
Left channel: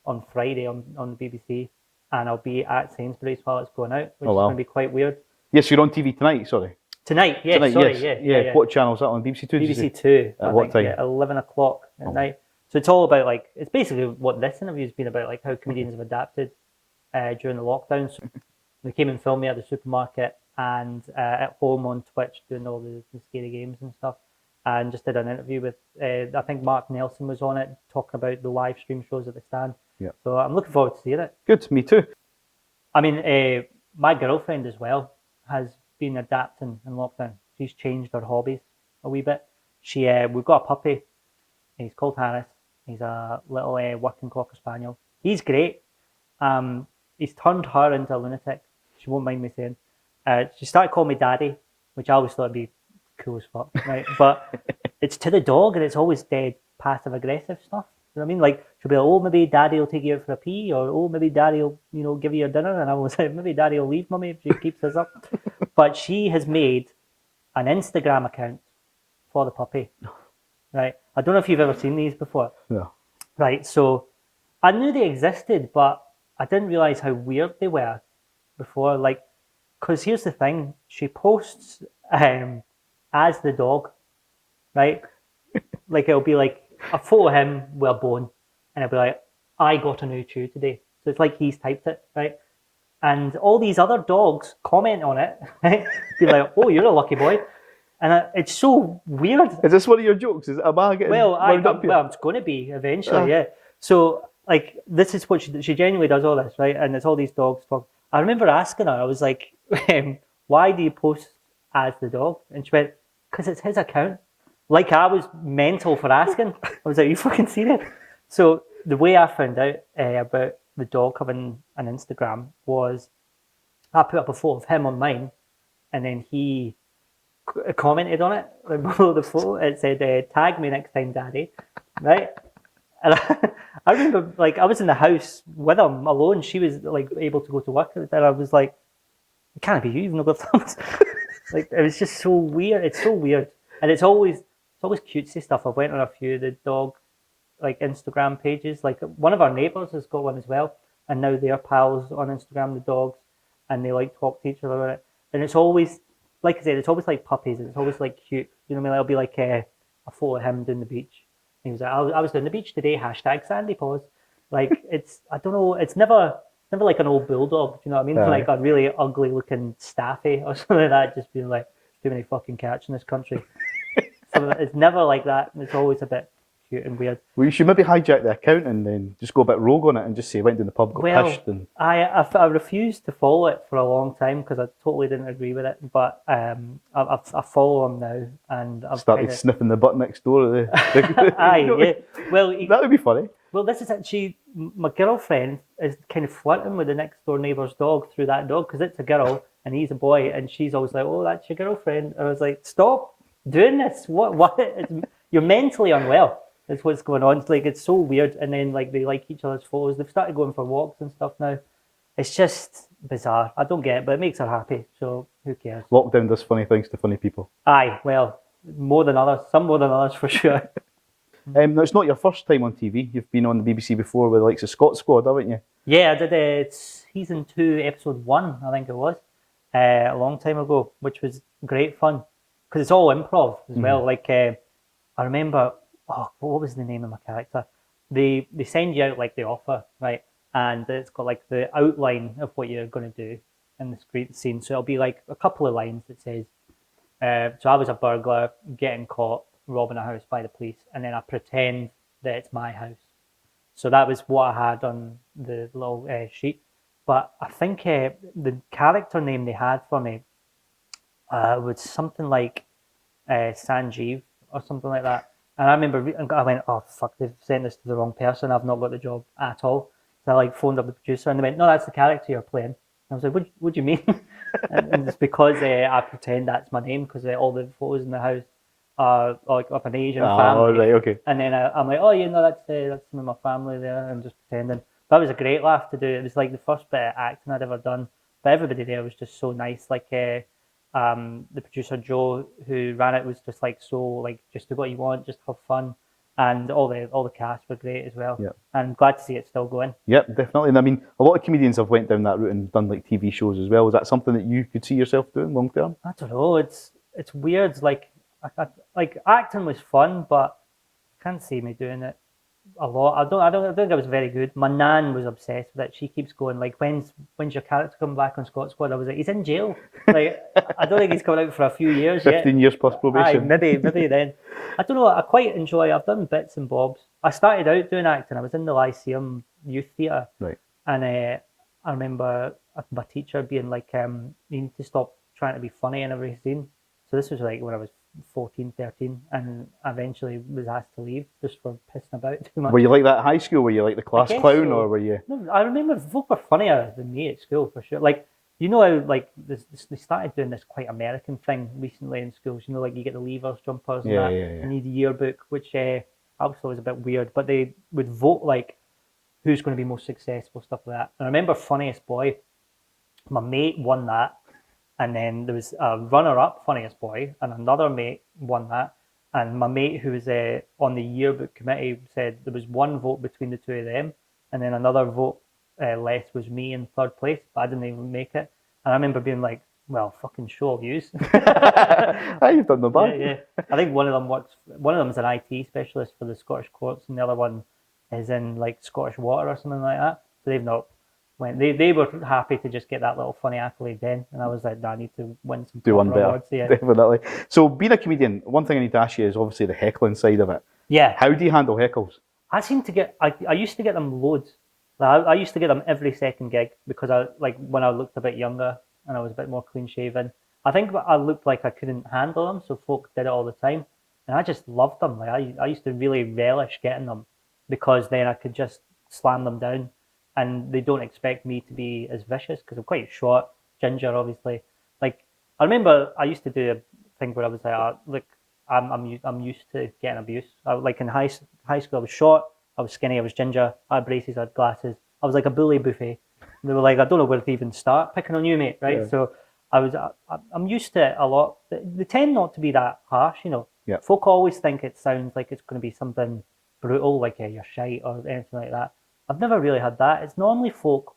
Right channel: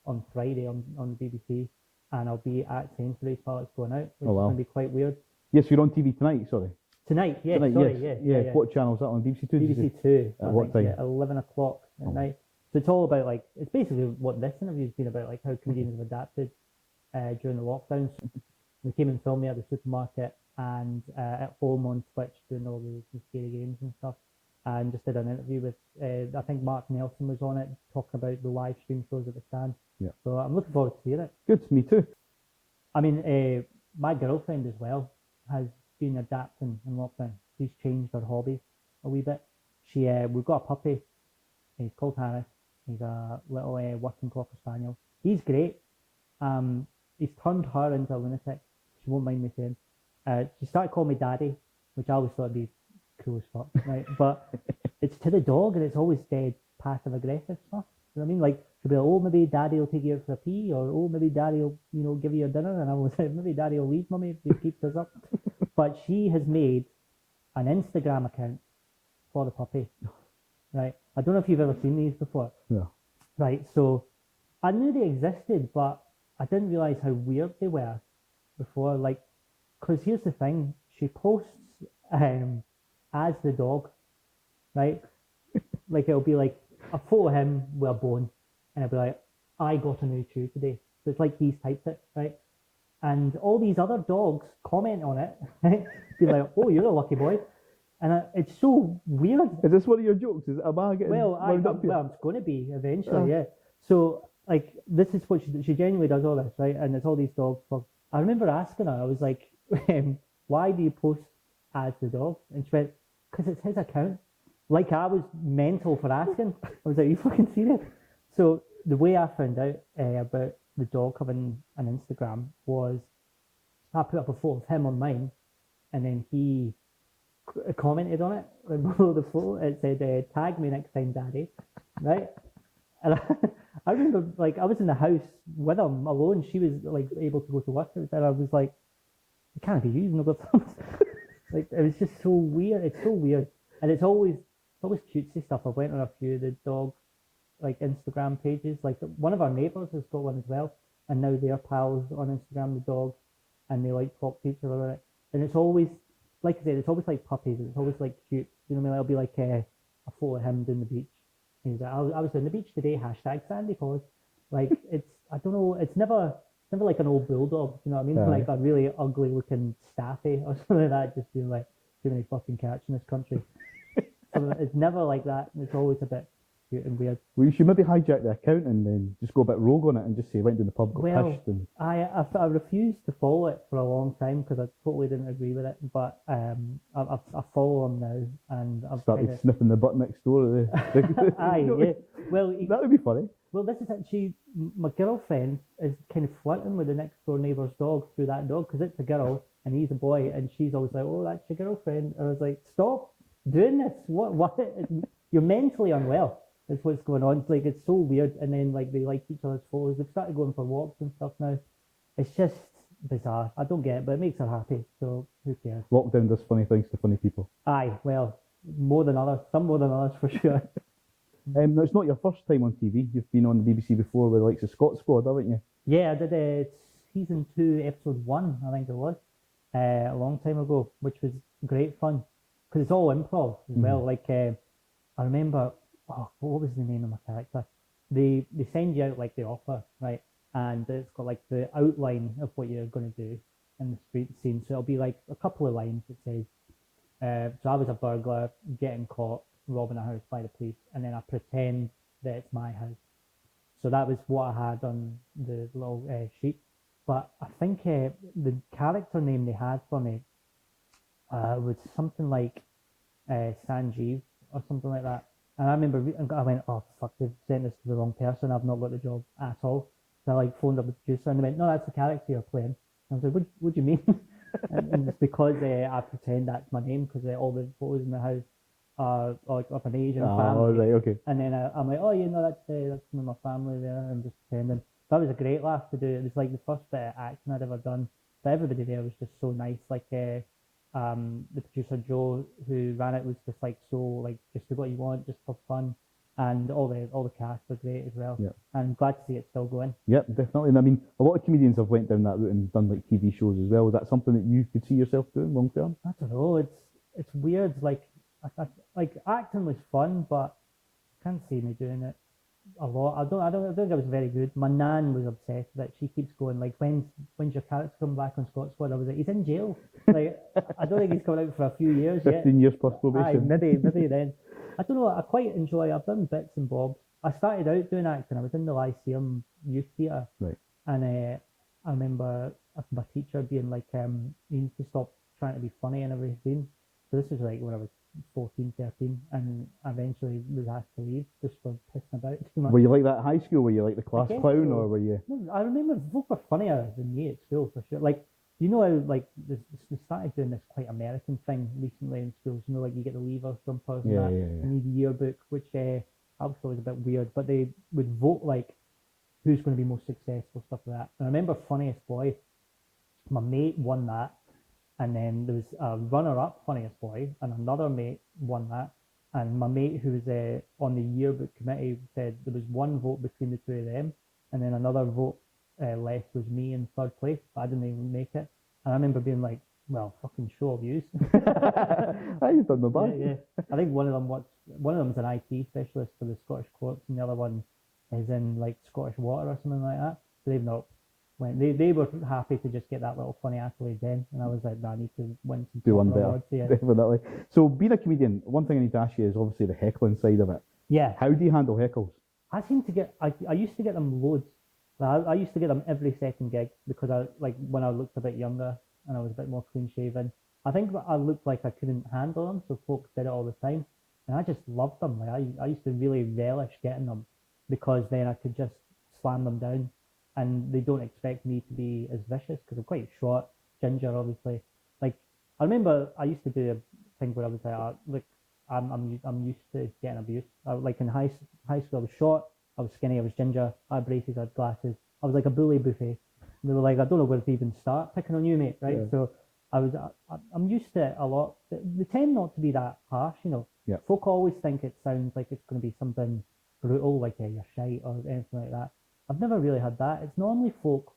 on Friday on the BBC, and I'll be at Sainsbury's while it's going out, which is going to be quite weird. Yes, you're on TV tonight. Sorry. Tonight, yeah. Tonight, sorry, yes. yeah. What channel is that on? BBC Two. BBC Two. At what time? Yeah, 11 o'clock at night. So it's all about like it's basically what this interview's been about, like how comedians have adapted during the lockdown. So they came and filmed me at the supermarket and at home on Twitch doing all the scary games and stuff, and just did an interview with I think Mark Nelson was on it talking about the live stream shows at the stand. Yeah. So I'm looking forward to seeing it. Good, me too. I mean, my girlfriend as well has been adapting in lockdown. She's changed her hobbies a wee bit. We've got a puppy. He's called Harris. He's a little working Cocker Spaniel. He's great. He's turned her into a lunatic. She won't mind me saying. She started calling me daddy, which I always thought would be cool as fuck, right? But it's to the dog, and it's always dead passive aggressive stuff. You know what I mean? Like, she'll be like, oh, maybe daddy will take you out for a pee, or oh, maybe daddy will, you know, give you your dinner. And I was like, maybe daddy will leave mummy if she keeps this up. But she has made an Instagram account for the puppy, right? I don't know if you've ever seen these before. No. Right, so I knew they existed, but I didn't realize how weird they were before. Like, because here's the thing, she posts as the dog, right? Like, it'll be like a photo of him with a bone, and it'll be like, I got a new chew today. So it's like he's typed it, right? And all these other dogs comment on it, right? Be like, oh, you're a lucky boy. And it's so weird. Is this one of your jokes? Am I getting wound up here? Well, it's going to be eventually, yeah. So, like, this is what she genuinely does all this, right? And it's all these dogs talk. I remember asking her, I was like, why do you post as the dog? And she went, because it's his account. Like, I was mental for asking. I was like, are you fucking serious? So the way I found out about the dog having an Instagram was I put up a photo of him on mine, and then he commented on it below the photo. It said, tag me next time, daddy, right? And I remember, like, I was in the house with him alone. She was like able to go to work, and I was like, it can't be you, you've not got thumbs. Like, it was just so weird. It's so weird. And it's always cutesy stuff. I went on a few of the dog like Instagram pages. Like, one of our neighbours has got one as well, and now they're pals on Instagram, the dogs, and they like talk to each other about it. And it's always, like I said, it's always like puppies. It's always like cute. You know what I mean? It'll be like a photo of him down the beach. And he was like, I was down the beach today. #Sandy paws. Like, it's, I don't know. It's never like an old bulldog. You know what I mean? Like a really ugly looking staffy or something like that. Just being like, too many fucking cats in this country. So it's never like that. It's always a bit cute and weird. Well, you should maybe hijack the account and then just go a bit rogue on it and just say went to the pub, got pissed. And I refused to follow it for a long time because I totally didn't agree with it. But I follow him now, and I've started sniffing the butt next door. Aye, yeah. Well, that would be funny. Well, this is actually, my girlfriend is kind of flirting with the next door neighbour's dog through that dog, because it's a girl and he's a boy, and she's always like, oh, that's your girlfriend. I was like, stop doing this. What? You're mentally unwell. That's what's going on. It's like, it's so weird. And then, like, they like each other's photos. They've started going for walks and stuff now. It's just bizarre. I don't get it, but it makes her happy. So who cares? Lockdown does funny things to funny people. Aye, well, more than others. Some more than others for sure. Now, it's not your first time on TV. You've been on the BBC before with the likes of Scott Squad, haven't you? Yeah, I did season 2, episode 1, I think it was, a long time ago, which was great fun because it's all improv as well. Like, I remember, what was the name of my character? They send you out like the offer, right? And it's got like the outline of what you're going to do in the scene. So it'll be like a couple of lines that says, so I was a burglar getting caught robbing a house by the police, and then I pretend that it's my house. So that was what I had on the little sheet. But I think the character name they had for me was something like Sanjeev or something like that. And I remember I went, oh fuck, they've sent this to the wrong person. I've not got the job at all. So I like phoned up the producer, and they went, no, that's the character you're playing. And I was like, what do you mean? and it's because I pretend that's my name, because all the photos in the house are like of an Asian family. Right, okay. And then I'm like, oh, you know, that's some of my family there. I'm just pretending. That was a great laugh to do. It was like the first bit of acting I'd ever done. But everybody there was just so nice. Like the producer Joe, who ran it, was just like, so like, just do what you want, just have fun. And all the cast were great as well. Yep. And I'm glad to see it still going. Yep, definitely. And I mean, a lot of comedians have went down that route and done like TV shows as well. Is that something that you could see yourself doing long term? I don't know. It's weird. Like acting was fun, but I can't see me doing it a lot. I don't think I was very good. My nan was obsessed with it. She keeps going like, when's your character coming back on Scott Squad? I was like, he's in jail. Like, I don't think he's coming out for a few years 15 years plus probation. Aye, maybe then. I don't know. I quite enjoy. I've done bits and bobs. I started out doing acting. I was in the Lyceum Youth Theatre, right? And I remember my teacher being like, "You need to stop trying to be funny in every scene." So this was like when I was 14, 13, and I eventually was asked to leave just for pissing about too much. Were you like that at high school? Were you like the class clown, or were you? No, I remember folk were funnier than me at school for sure. Like, you know how like they started doing this quite American thing recently in schools. You know, like you get the Leavers jumpers and that, and you need the yearbook, which I was always a bit weird, but they would vote like who's going to be most successful, stuff like that. And I remember Funniest Boy, my mate won that, and then there was a runner-up, Funniest Boy, and another mate won that. And my mate who was on the yearbook committee said there was one vote between the two of them, and then another vote less was me in third place, but I didn't even make it. And I remember being like, well, fucking show of yous. You've done no bad. Yeah. I think one of them is an IT specialist for the Scottish courts, and the other one is in like Scottish Water or something like that. So they've not went. They were happy to just get that little funny accolade then, and I was like, no, I need to win some Do one better. awards. Yeah. Definitely. So being a comedian, one thing I need to ask you is obviously the heckling side of it. Yeah. How do you handle heckles? I seem to get. I used to get them loads. Like, I used to get them every second gig because I like when I looked a bit younger and I was a bit more clean shaven. I think I looked like I couldn't handle them, so folk did it all the time, and I just loved them. Like I used to really relish getting them because then I could just slam them down, and they don't expect me to be as vicious because I'm quite short, ginger, obviously. Like I remember I used to do a thing where I was like, look, I'm used to getting abuse. Like in high school, I was short, I was skinny, I was ginger, I had braces, I had glasses. I was like a bully buffet. They were like, I don't know where to even start picking on you, mate, right? Yeah. So I'm used to it a lot. They tend not to be that harsh, you know. Yeah. Folk always think it sounds like it's going to be something brutal, like you're shite or anything like that. I've never really had that. It's normally folk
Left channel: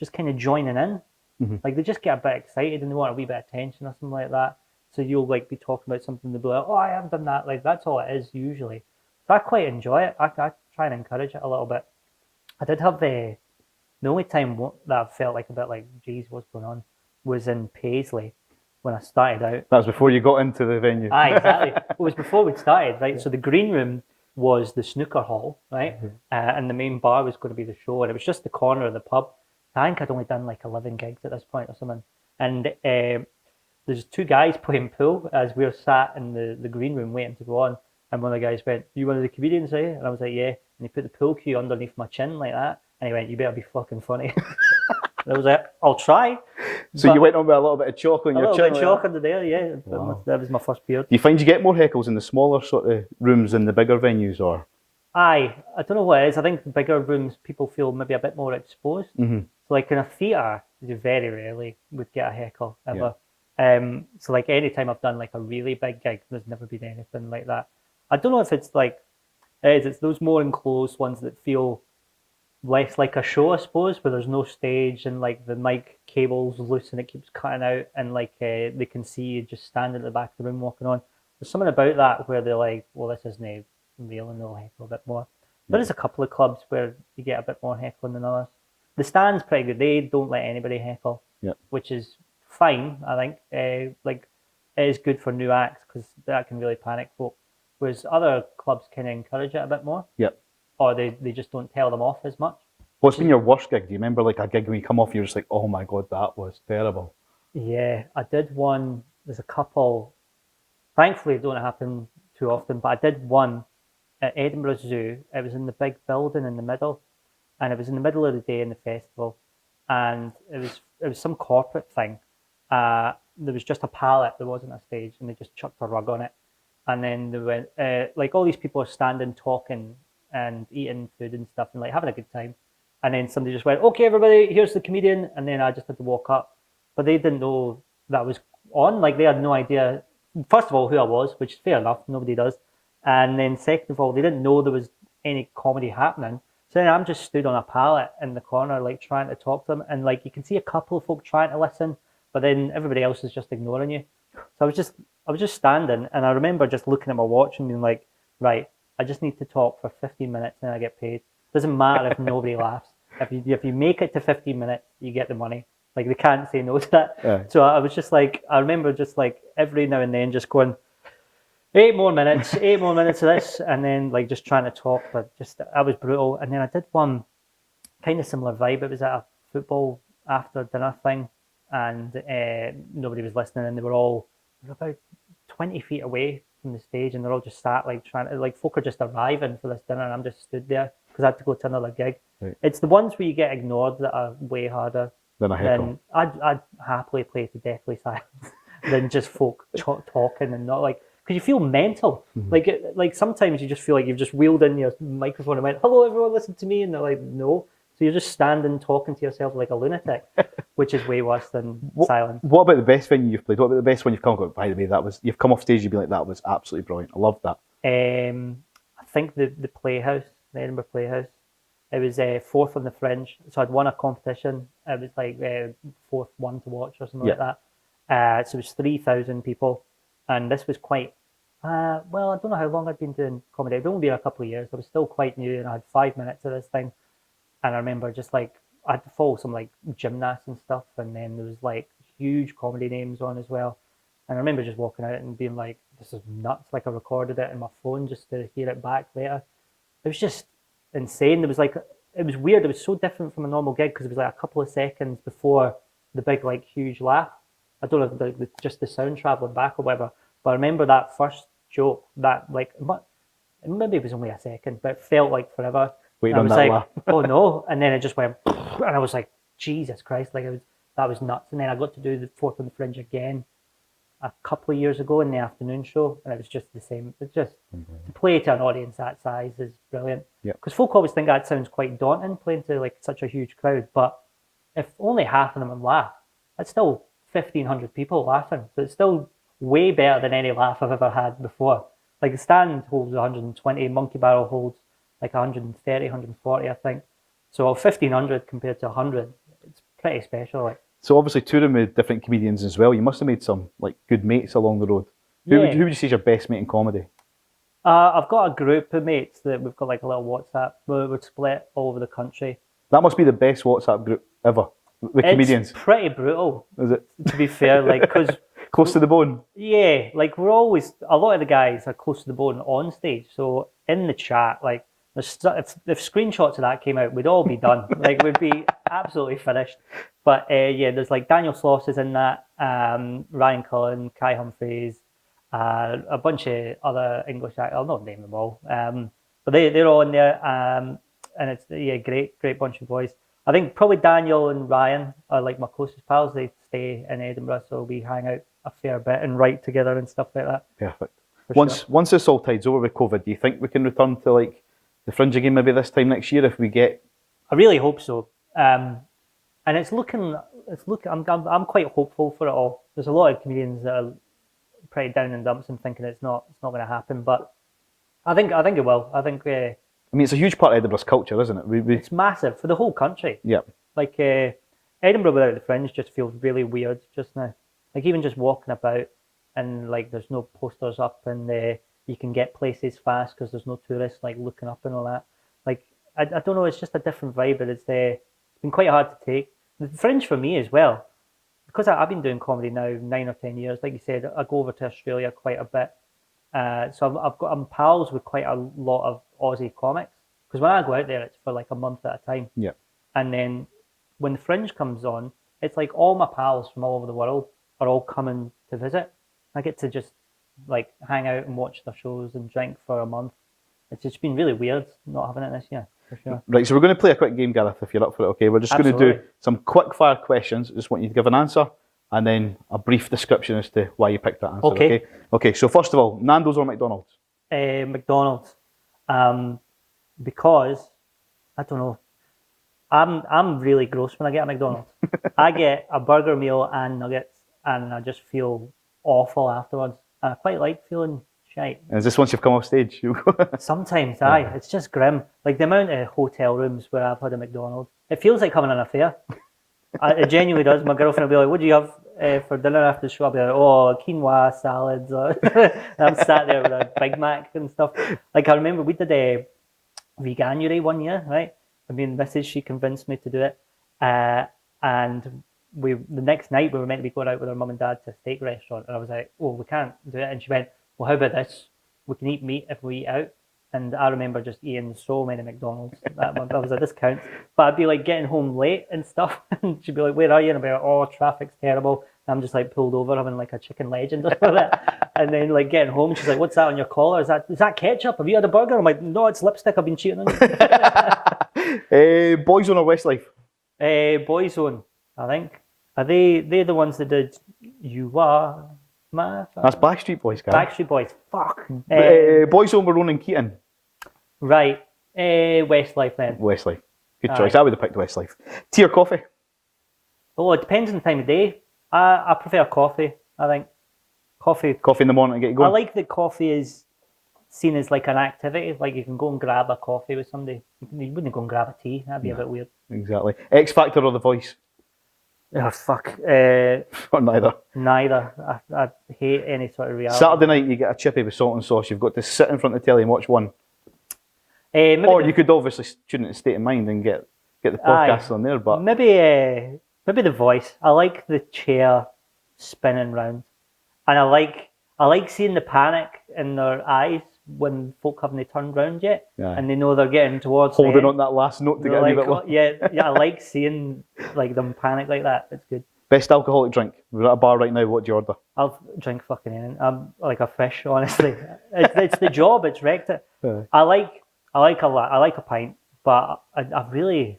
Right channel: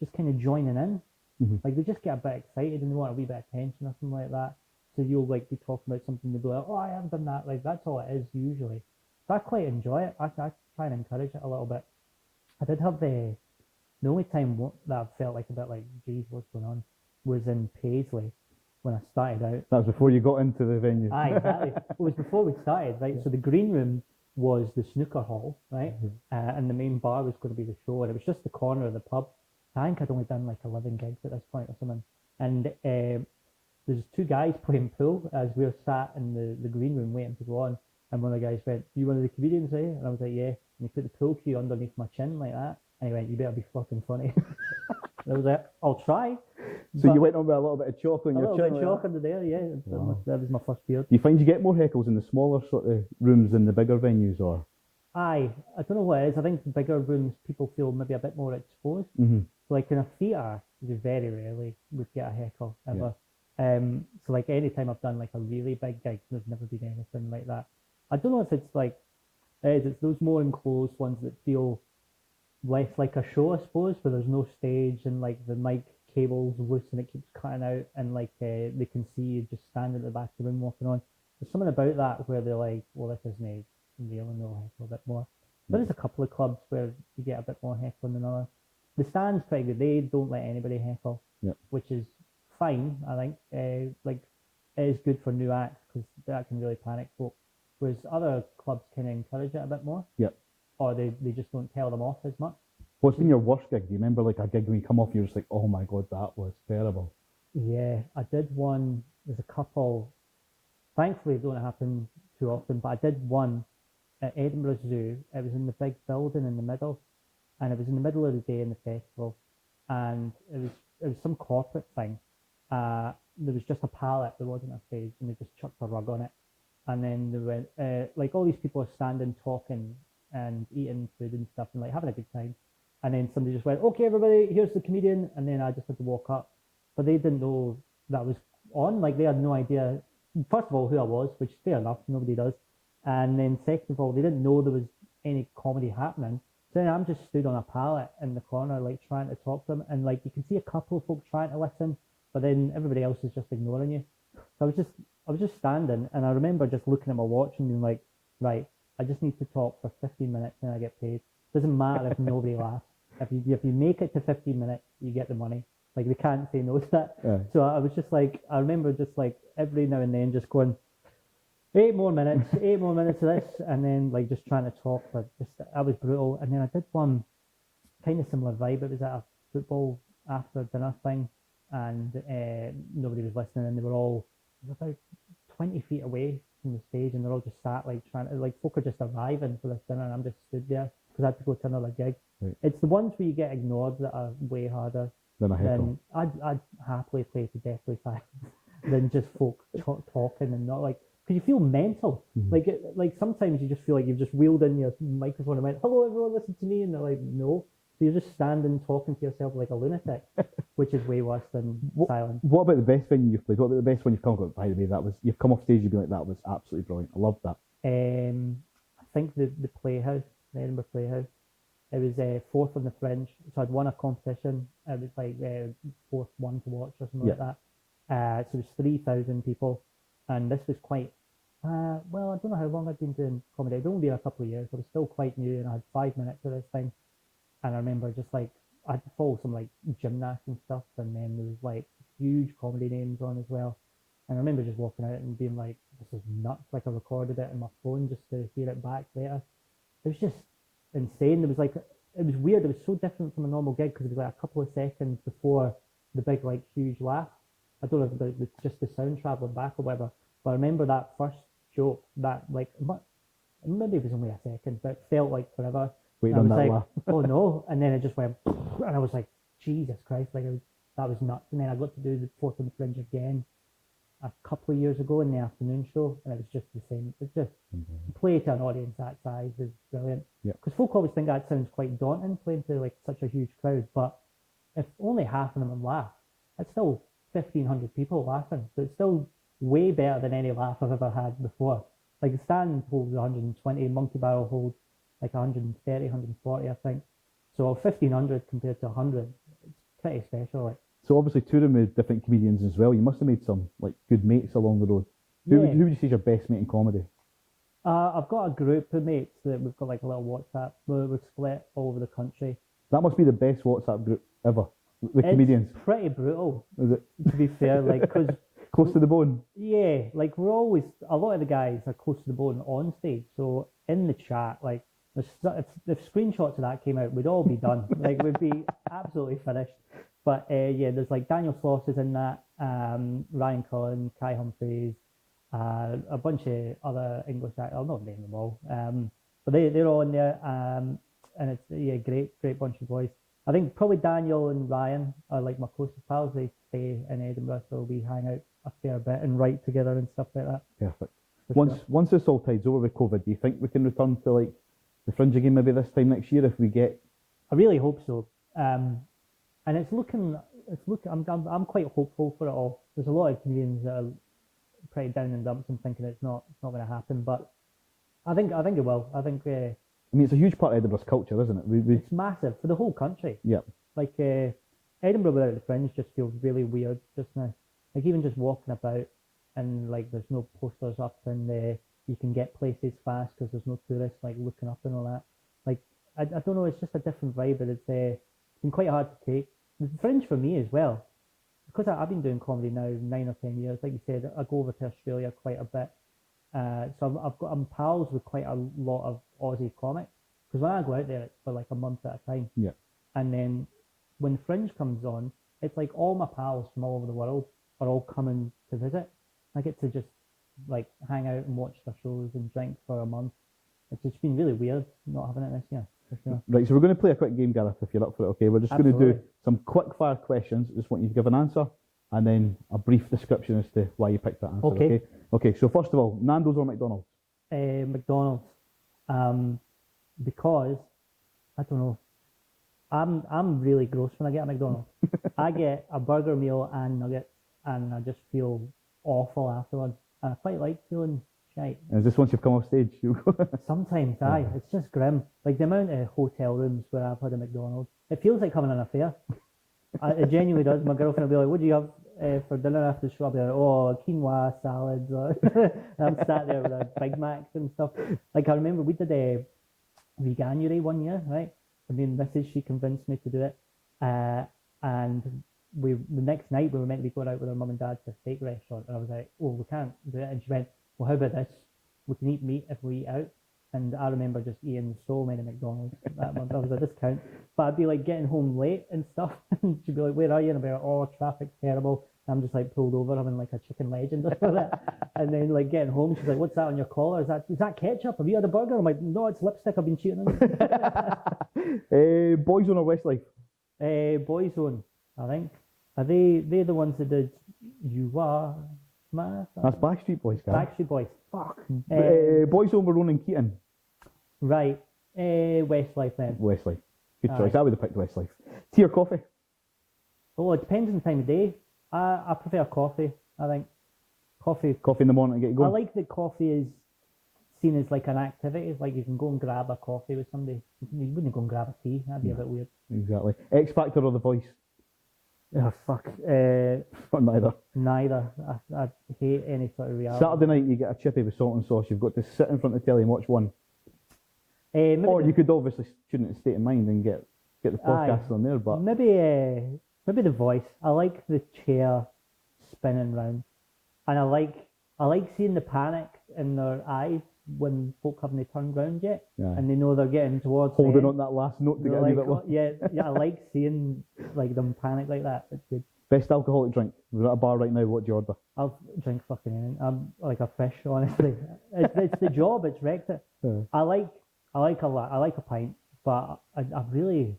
just kind of joining in. Mm-hmm. Like they just get a bit excited and they want a wee bit of attention or something like that. So you'll like be talking about something, they'll be like, oh, I haven't done that. Like that's all it is usually. So I quite enjoy it. I try and encourage it a little bit. I did have the only time that I felt like a bit like, geez, what's going on, was in Paisley when I started out. That was before you got into the venue. Aye, exactly. It was before we'd started, right? Yeah. So the green room was the snooker hall, right? Mm-hmm. And the main bar was going to be the show, and it was just the corner of the pub. I think I'd only done like 11 gigs at this point or something. And there's two guys playing pool as we were sat in the green room waiting to go on. And one of the guys went, you one of the comedians, eh? And I was like, yeah. And he put the pool cue underneath my chin like that. And he went, you better be fucking funny. And I was like, I'll try. So you went on with a little bit of chalk on your chin? A little bit of chalk under there, yeah. Wow. That was my first beard. Do you find you get more heckles in the smaller sort of rooms than the bigger venues, or? Aye, I don't know what it is. I think the bigger rooms, people feel maybe a bit more exposed. Mm-hmm. So like in a theatre, you very rarely would get a heckle ever. Yeah. So like any time I've done like a really big gig, there's never been anything like that. I don't know if it's like, it's those more enclosed ones that feel less like a show, I suppose, where there's no stage and like the mic cable's loose and it keeps cutting out and like they can see you just standing at the back of the room walking on. There's something about that where they're like, well, this isn't real, and they'll heckle a bit more. There is a couple of clubs where you get a bit more heckling than others. The Stand's pretty good. They don't let anybody heckle, which is fine, I think. Like it is good for new acts because that can really panic folk. Whereas other clubs kind of encourage it a bit more. Yep. Or they just don't tell them off as much. What's been your worst gig? Do you remember like a gig when you come off, you're just like, oh my God, that was terrible? Yeah, I did one. There's a couple. Thankfully, it don't happen too often, but I did one at Edinburgh Zoo. It was in the big building in the middle, and it was in the middle of the day in the festival, and it was some corporate thing. There was just a pallet. There wasn't a stage, and they just chucked a rug on it. And then they went, like all these people are standing, talking and eating food and stuff and like having a good time. And then somebody just went, okay, everybody, here's the comedian. And then I just had to walk up. But they didn't know that was on. Like they had no idea, first of all, who I was, which is fair enough. Nobody does. And then second of all, they didn't know there was any comedy happening. So then I'm just stood on a pallet in the corner, like trying to talk to them. And like you can see a couple of folk trying to listen, but then everybody else is just ignoring you. So I was just standing, and I remember just looking at my watch and being like, right, I just need to talk for 15 minutes and I get paid. Doesn't matter if nobody laughs. If you make it to 15 minutes, you get the money. Like they can't say no to that. Yeah. So I was just like, I remember just like every now and then just going, 8 more minutes of this, and then like just trying to talk, but just I was brutal. And then I did one kind of similar vibe. It was at a football after dinner thing, and nobody was listening, and they were about 20 feet away from the stage, and they're all just sat like trying to, like folk are just arriving for this dinner, and I'm just stood there because I had to go to another gig. Right. It's the ones where you get ignored that are way harder than a heckle. I'd happily play to deathly silence than just folk talking and not like, because you feel mental. Like sometimes you just feel like you've just wheeled in your microphone and went, "Hello, everyone, listen to me," and they're like, "No." So you're just standing talking to yourself like a lunatic, which is way worse than silence. What about the best venue you've played? What about the best one you've come up with? By the way, you've come off stage, you'd be like, that was absolutely brilliant. I loved that. I think the Playhouse, the Edinburgh Playhouse. It was fourth on the Fringe, so I'd won a competition. It was like fourth one to watch or something like that. So it was 3,000 people, and this was quite. Well, I don't know how long I'd been doing comedy. It'd only been a couple of years. I was still quite new, and I had 5 minutes of this thing. And I remember just like I had to follow some like gymnasts and stuff, and then there was like huge comedy names on as well. And I remember just walking out and being like, "This is nuts!" Like I recorded it in my phone just to hear it back later. It was just insane. There was like, it was weird. It was so different from a normal gig because it was like a couple of seconds before the big like huge laugh. I don't know if just the sound traveling back or whatever, but I remember that first joke that like maybe it was only a second, but it felt like forever. Waiting on that like, laugh. Oh no! And then it just went, and I was like, Jesus Christ! Like that was nuts. And then I got to do the fourth on the Fringe again a couple of years ago in the afternoon show, and it was just the same. It's just to play to an audience that size is brilliant. Yeah. Because folk always think that sounds quite daunting, playing to like such a huge crowd. But if only half of them laugh, that's still 1,500 people laughing. So it's still way better than any laugh I've ever had before. Like the stand holds 120, Monkey Barrel holds like 130, 140, I think. So 1,500 compared to 100, it's pretty special. Like. So obviously touring with different comedians as well, you must have made some like good mates along the road. Who would you say is your best mate in comedy? I've got a group of mates that we've got like a little WhatsApp. We're split all over the country. That must be the best WhatsApp group ever with comedians. It's pretty brutal. Is it? To be fair, like because close to the bone. Yeah, like we're always a lot of the guys are close to the bone on stage. So in the chat, like if screenshots of that came out, we'd all be done. Like we'd be absolutely finished. But yeah, there's like Daniel Sloss is in that, Ryan Cullen, Kai Humphreys, a bunch of other English actors. I'll not name them all, but they're all in there, and it's great bunch of boys. I think probably Daniel and Ryan are like my closest pals. They stay in Edinburgh, so we hang out a fair bit and write together and stuff like that. Perfect. Once this all tides over with COVID, do you think we can return to like the Fringe again maybe this time next year if we get? I really hope so. And it's looking. I'm quite hopeful for it all. There's a lot of comedians that are pretty down in dumps and thinking it's not going to happen, but I think it will. I think. I mean, it's a huge part of Edinburgh's culture, isn't it? It's massive for the whole country. Yeah. Like Edinburgh without the Fringe just feels really weird just now. Like even just walking about and like there's no posters up and you can get places fast because there's no tourists like looking up and all that. Like I don't know, it's just a different vibe, but it's been quite hard to take. The Fringe for me as well, because I've been doing comedy now 9 or 10 years. Like you said, I go over to Australia quite a bit, so I'm pals with quite a lot of Aussie comics. Because when I go out there, it's for like a month at a time. Yeah. And then when the Fringe comes on, it's like all my pals from all over the world are all coming to visit. I get to just like hang out and watch their shows and drink for a month. It's just been really weird not having it this year, for sure. Right, so we're going to play a quick game, Gareth, if you're up for it, okay? We're just going to do some quick fire questions. I just want you to give an answer and then a brief description as to why you picked that answer, okay? Okay, so first of all, Nando's or McDonald's? McDonald's. Because, I don't know, I'm really gross when I get a McDonald's. I get a burger meal and nuggets and I just feel awful afterwards. And I quite like feeling shite. And is this once you've come off stage? Sometimes, aye. It's just grim. Like the amount of hotel rooms where I've had a McDonald's. It feels like having an affair. It genuinely does. My girlfriend will be like, what do you have for dinner after the show? I'll be like, oh, quinoa salads. And I'm sat there with a Big Mac and stuff. Like I remember we did a veganuary one year, right? I mean, Mrs. she convinced me to do it. And the next night we were meant to be going out with our mum and dad to a steak restaurant. And I was like, oh, we can't do it. And she went, well, how about this? We can eat meat if we eat out. And I remember just eating so many McDonald's that month. That was a discount. But I'd be like getting home late and stuff. And she'd be like, where are you? And I'd be like, oh, traffic's terrible. And I'm just like pulled over having like a chicken legend or something. And then like getting home, she's like, what's that on your collar? Is that ketchup? Have you had a burger? I'm like, no, it's lipstick. I've been cheating on you. Boyzone or Westlife? Boyzone, I think. Are they the ones that did You Are That's Backstreet Boys, guy. Backstreet Boys. Fuck. Boys Home with Ronan Keating. Right. Westlife then. Westlife. Good Aye. choice. I would have picked Westlife. Tea or coffee? Oh, it depends on the time of day. I prefer coffee, I think. Coffee. Coffee in the morning to get you I going? like that coffee is seen as like an activity. Like you can go and grab a coffee with somebody. You wouldn't go and grab a tea. That'd be a bit weird. Exactly. X Factor or The Voice? Oh, fuck. Or neither. Neither. I hate any sort of reality. Saturday night you get a chippy with salt and sauce. You've got to sit in front of the telly and watch one. Maybe Or you could obviously tune into State of Mind and get the podcast on there. But maybe The Voice. I like the chair spinning round, and I like seeing the panic in their eyes when folk haven't turned round yet, and they know they're getting towards holding the on that last note to end. get a They're wee bit like, low. yeah, I like seeing like them panic like that. It's good. Best alcoholic drink? We're at a bar right now. What do you order? I'll drink fucking anything. I'm like a fish, honestly. it's the job. It's wrecked it. I like a pint, but I've really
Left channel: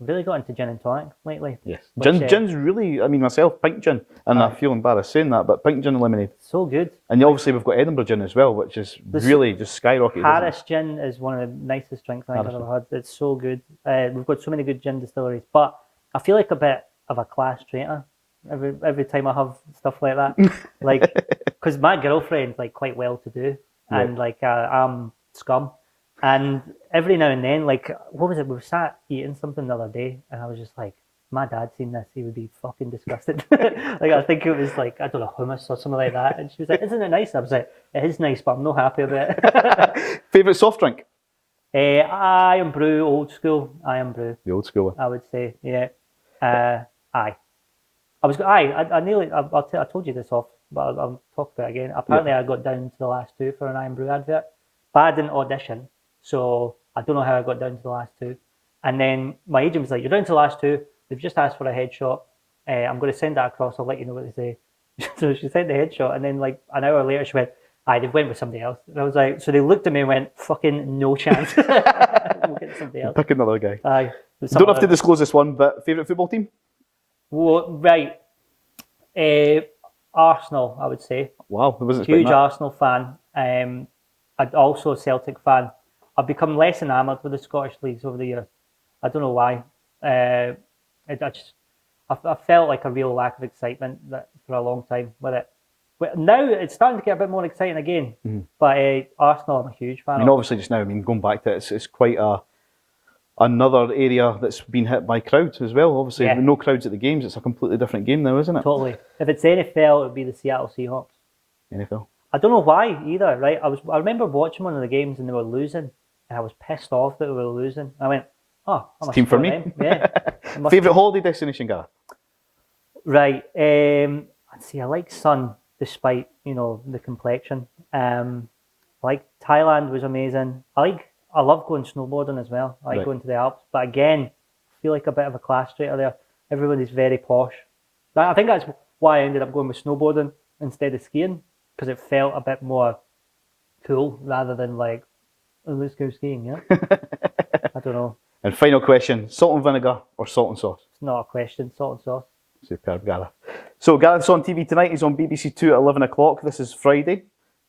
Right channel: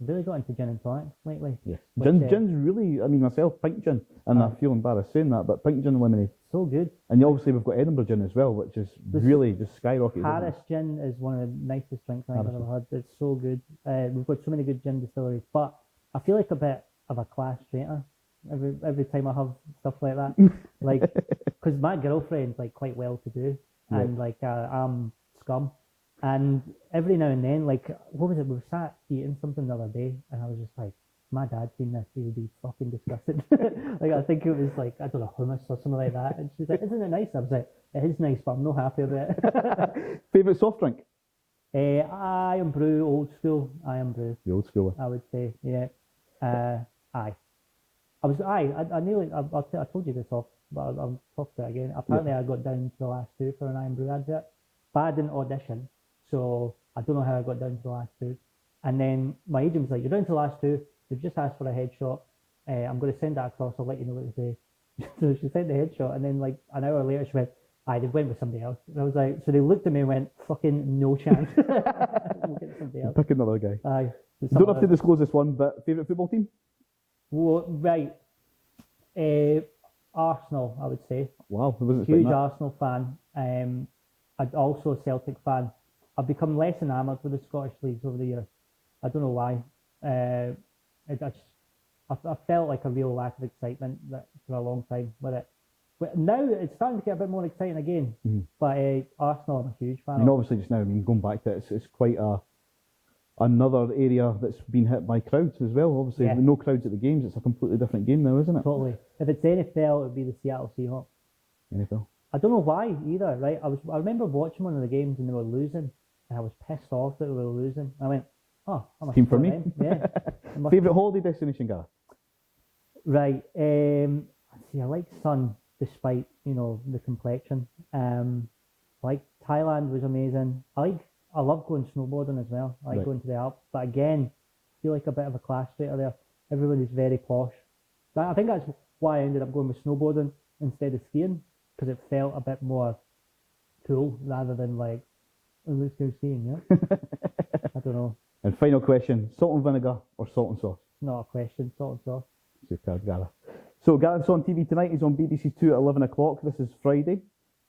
got into gin and tonic lately. Yes. Which, Gin's really, I mean, myself, pink gin, and I feel embarrassed saying that, but pink gin and lemonade. So good. And obviously we've got Edinburgh gin as well, which is really just skyrocketed. Paris gin is one of the nicest drinks I've ever had. It's so good. We've got so many good gin distilleries, but I feel like a bit of a class traitor every time I have stuff like that. Like, because my girlfriend's like quite well to do, and like I'm scum. And every now and then, like, what was it? We were sat eating something the other day, and I was just like, my dad seen this, he would be fucking disgusted. Like, I think it was like, I don't know, hummus or something like that. And she was like, isn't it nice? I was like, it is nice, but I'm not happy about it. Favourite soft drink? I am brew, old school. I am brew. The old school one. I would say, yeah. Aye. I nearly, I told you this off, but I'll talk about it again. Apparently, I got down to the last two for an I am brew advert, but I didn't audition. So I don't know how I got down to the last two. And then my agent was like, you're down to the last two. They've just asked for a headshot. I'm going to send that across. I'll let you know what they say. So she sent the headshot. And then like an hour later, she went, they went with somebody else. And I was like, so they looked at me and went, fucking no chance. We'll get somebody else. Pick another guy. Aye. Don't have to disclose this one, but favourite football team? Well, right. Arsenal, I would say. Wow, I wasn't expecting Huge that. Arsenal fan. I'm also a Celtic fan. I've become less enamoured with the Scottish leagues over the years. I don't know why. I felt like a real lack of excitement for a long time with it. But now it's starting to get a bit more exciting again. Mm-hmm. But Arsenal, I'm a huge fan. I mean, obviously, just now, going back to it, it's quite another area that's been hit by crowds as well. Obviously, no crowds at the games. It's a completely different game now, isn't it? Totally. If it's NFL, it would be the Seattle Seahawks. NFL. I don't know why either. Right? I remember watching one of the games and they were losing. And I was pissed off that we were losing. I went, it's team for me. Them. Yeah. Favourite holiday destination, Gareth? Right. Let's see. I like sun, despite the complexion. Like Thailand was amazing. I love going snowboarding as well. I like going to the Alps. But again, I feel like a bit of a class traitor there. Everybody's very posh. I think that's why I ended up going with snowboarding instead of skiing, because it felt a bit more cool rather than like, let's go skiing, yeah? I don't know. And final question, salt and vinegar or salt and sauce? It's not a question, salt and sauce. Superb, Gareth. So Gareth's on TV tonight. He's on BBC 2 at 11 o'clock. This is Friday.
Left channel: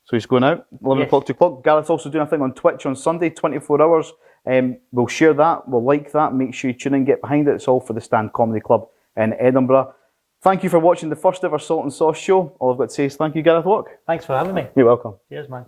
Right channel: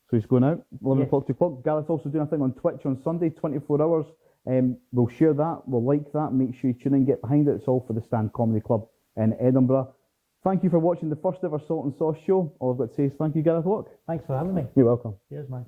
So he's going out, 11 o'clock, 2 o'clock. Gareth's also doing a thing on Twitch on Sunday, 24 hours. We'll share that. We'll like that. Make sure you tune in, get behind it. It's all for the Stand Comedy Club in Edinburgh. Thank you for watching the first ever Salt and Sauce show. All I've got to say is thank you, Gareth Waugh. Thanks for having me. You're welcome. Cheers, man.